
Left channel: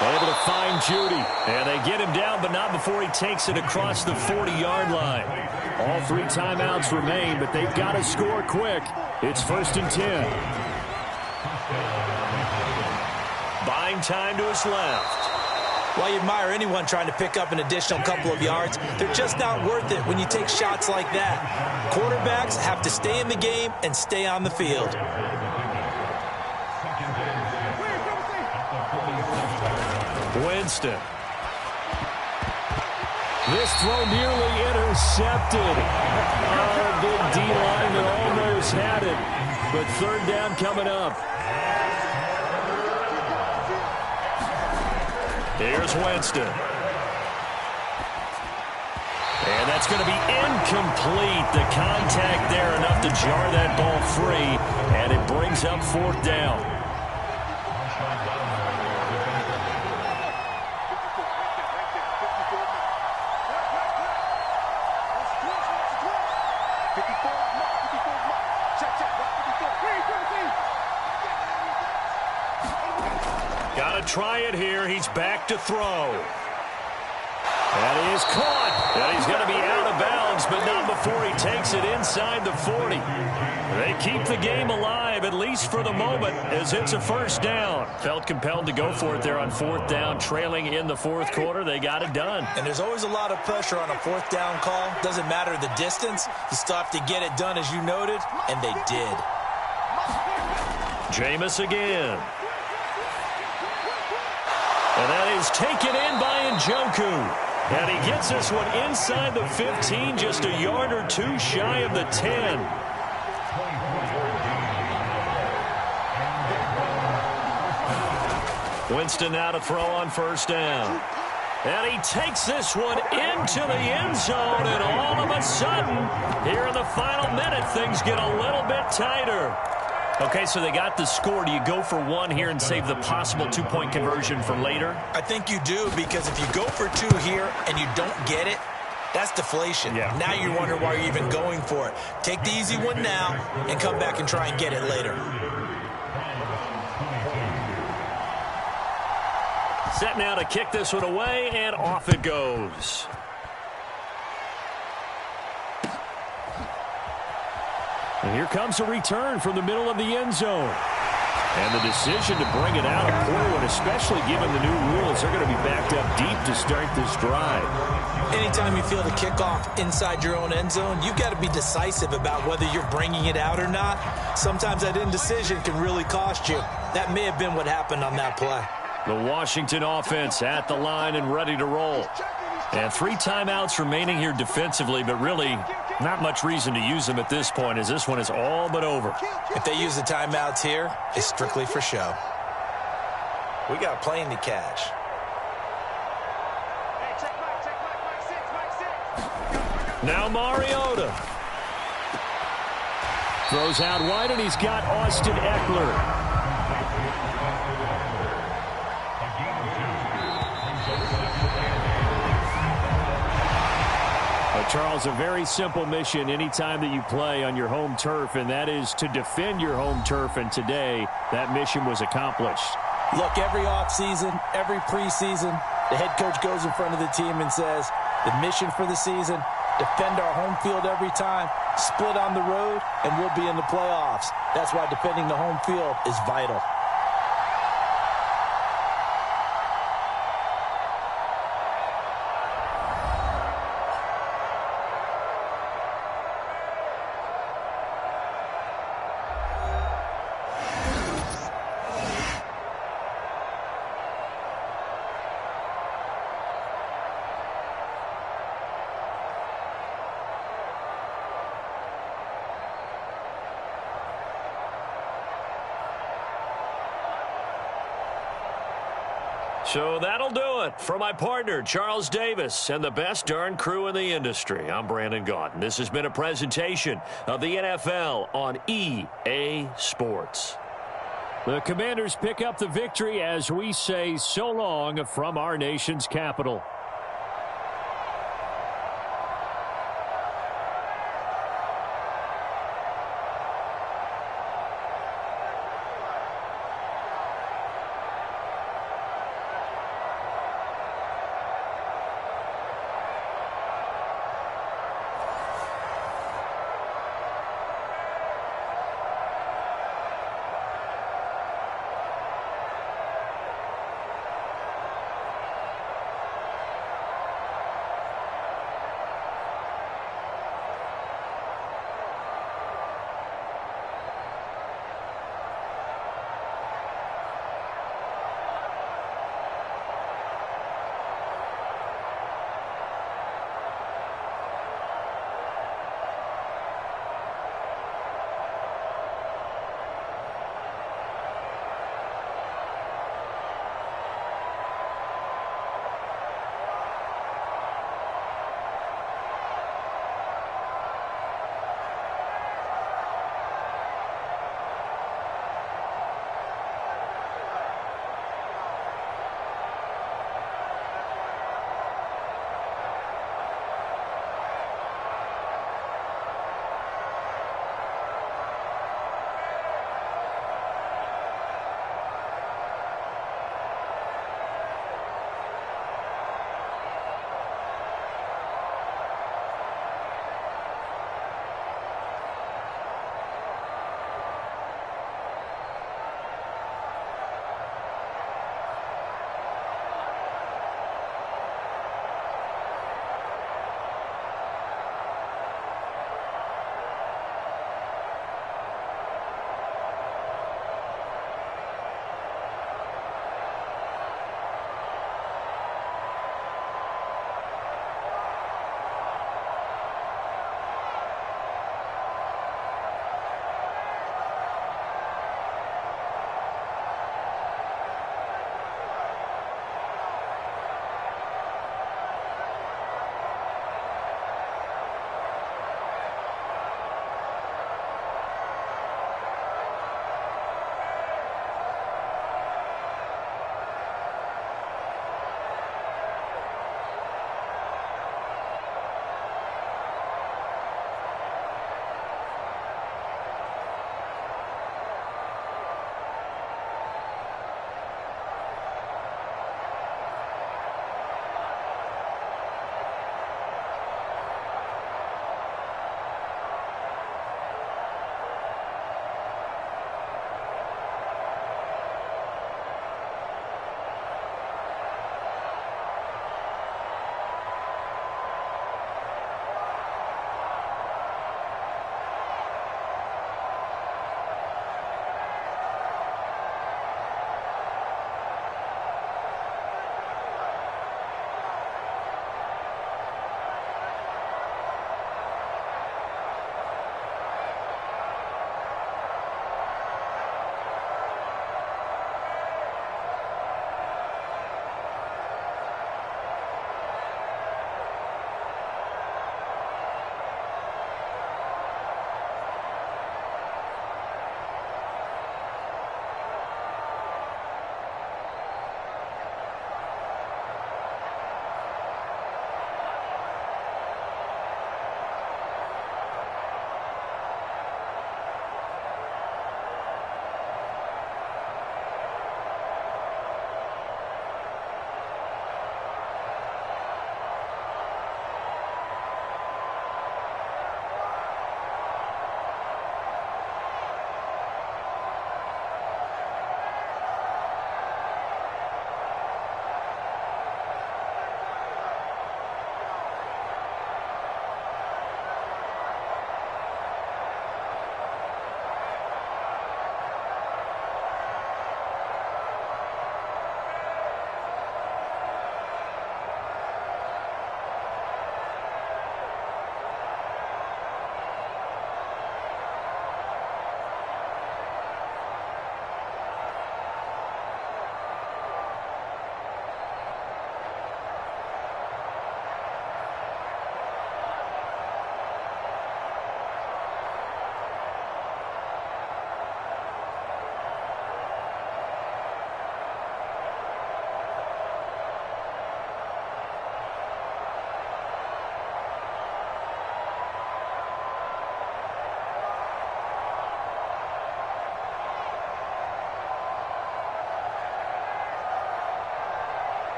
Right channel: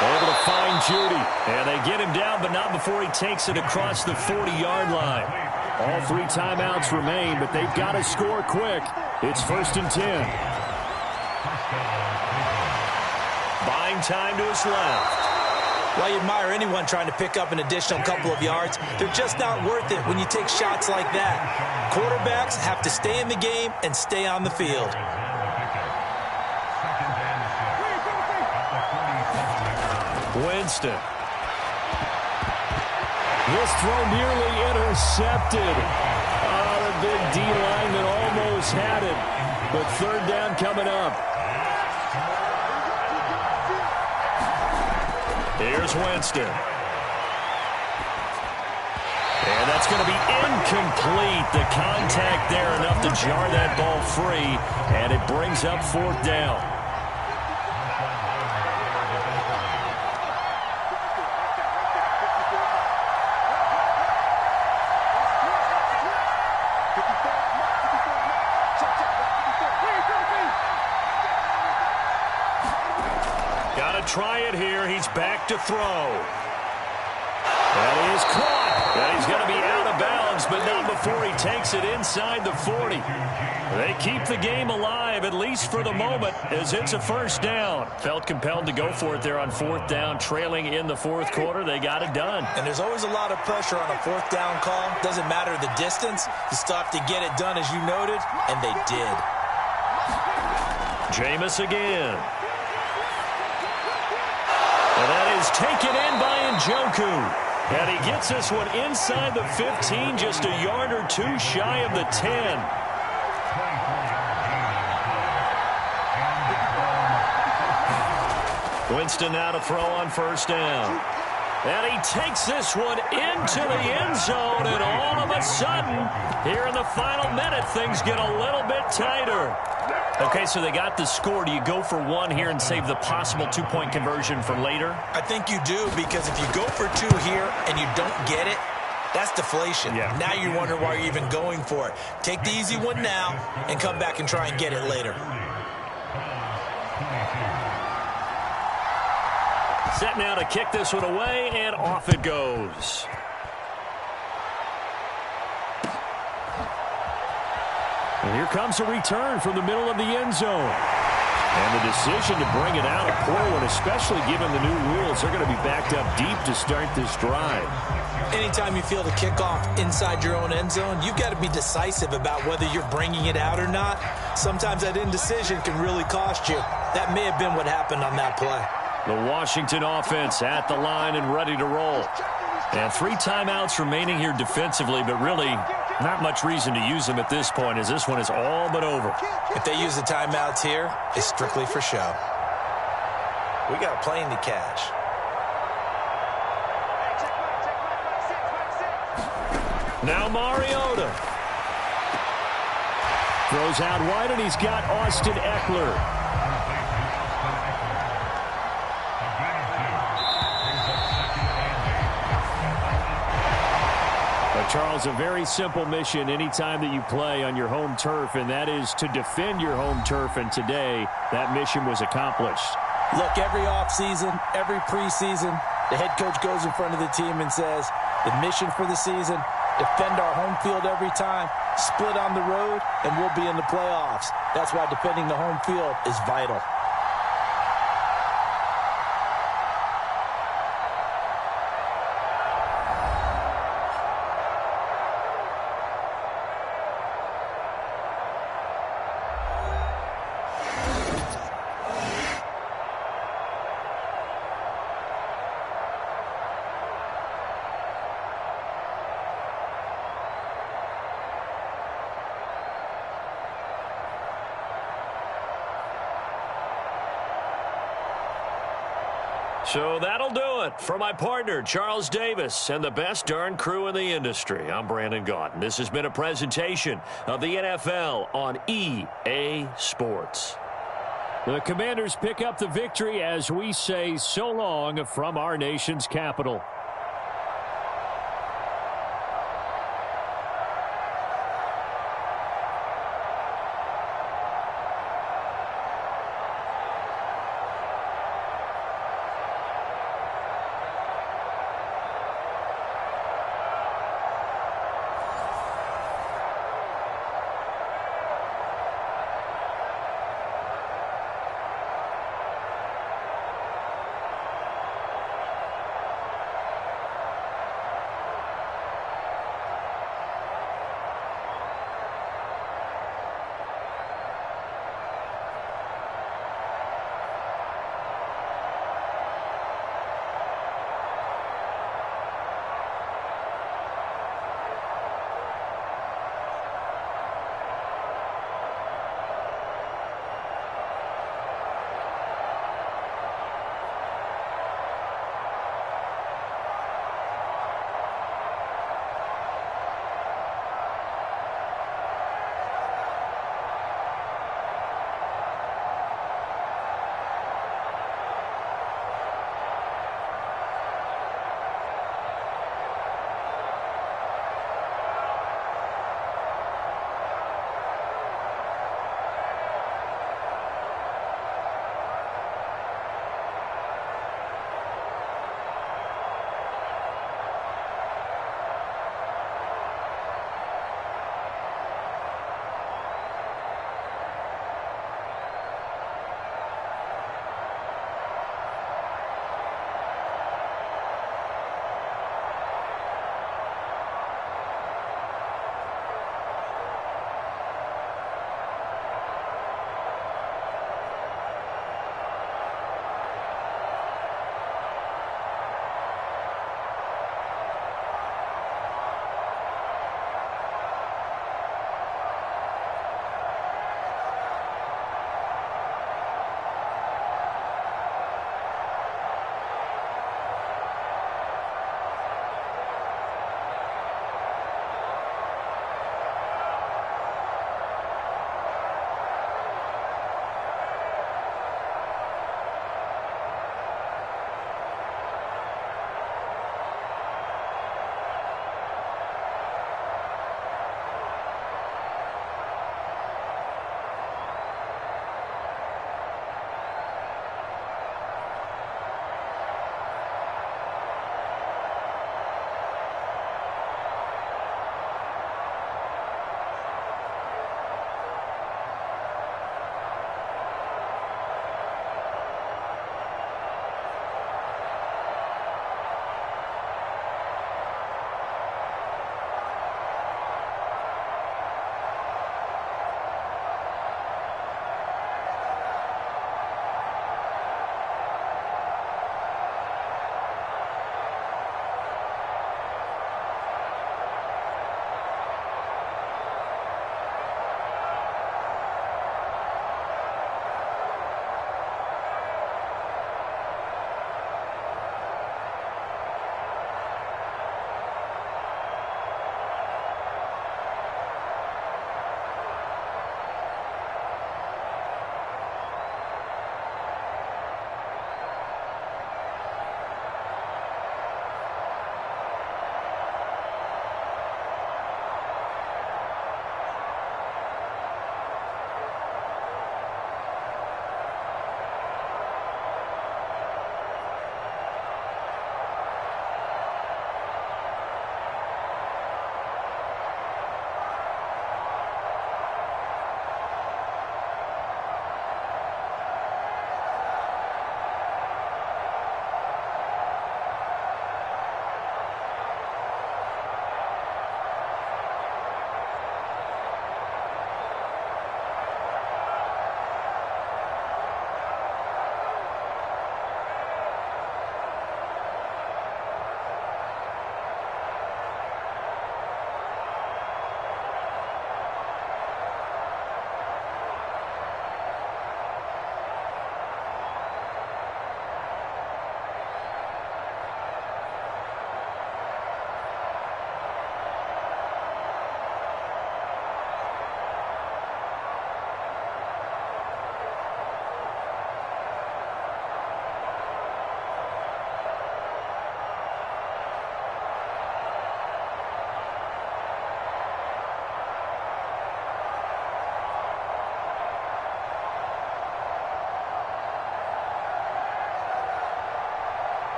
Able to find Judy. And they get him down, but not before he takes it across the 40-yard line. All 3 timeouts remain, but they've got to score quick. It's 1st and 10. Buying time to his left. Well, you admire anyone trying to pick up an additional couple of yards. They're just not worth it when you take shots like that. Quarterbacks have to stay in the game and stay on the field. Winston. This throw nearly intercepted. The big D lineman almost had it. But 3rd down coming up. Here's Winston. And that's going to be incomplete. The contact there enough to jar that ball free. And it brings up 4th down. Got to try it here. He's back to throw. That is caught. And he's going to be out of bounds, but not before he takes it inside the 40. They keep the game alive, at least for the moment, as it's a 1st down. Felt compelled to go for it there on 4th down, trailing in the 4th quarter. They got it done. And there's always a lot of pressure on a 4th down call. Doesn't matter the distance. You still have to get it done, as you noted, and they did. Jameis again. And that is taken in by Njoku. And he gets this one inside the 15, just a yard or 2 shy of the 10. Winston now to throw on 1st down. And he takes this one into the end zone, and all of a sudden, here in the final minute, things get a little bit tighter. Okay, so they got the score. Do you go for 1 here and save the possible 2-point conversion for later? I think you do, because if you go for 2 here and you don't get it, that's deflation. Yeah. Now you wonder why you're even going for it. Take the easy one now and come back and try and get it later. Set now to kick this one away, and off it goes. And here comes a return from the middle of the end zone. And the decision to bring it out, a poor one, especially given the new rules. They're going to be backed up deep to start this drive. Anytime you feel the kickoff inside your own end zone, you've got to be decisive about whether you're bringing it out or not. Sometimes that indecision can really cost you. That may have been what happened on that play. The Washington offense at the line and ready to roll. And 3 timeouts remaining here defensively, but really not much reason to use them at this point, as this one is all but over. If they use the timeouts here, it's strictly for show. We got a plane to catch. Now Mariota. Throws out wide, and he's got Austin Eckler. Charles, a very simple mission anytime that you play on your home turf, and that is to defend your home turf, and today that mission was accomplished. Look, every offseason, every preseason, the head coach goes in front of the team and says, the mission for the season, defend our home field every time, split on the road, and we'll be in the playoffs. That's why defending the home field is vital. So that'll do it for my partner, Charles Davis, and the best darn crew in the industry. I'm Brandon Gaudin. This has been a presentation of the NFL on EA Sports. The Commanders pick up the victory as we say so long from our nation's capital.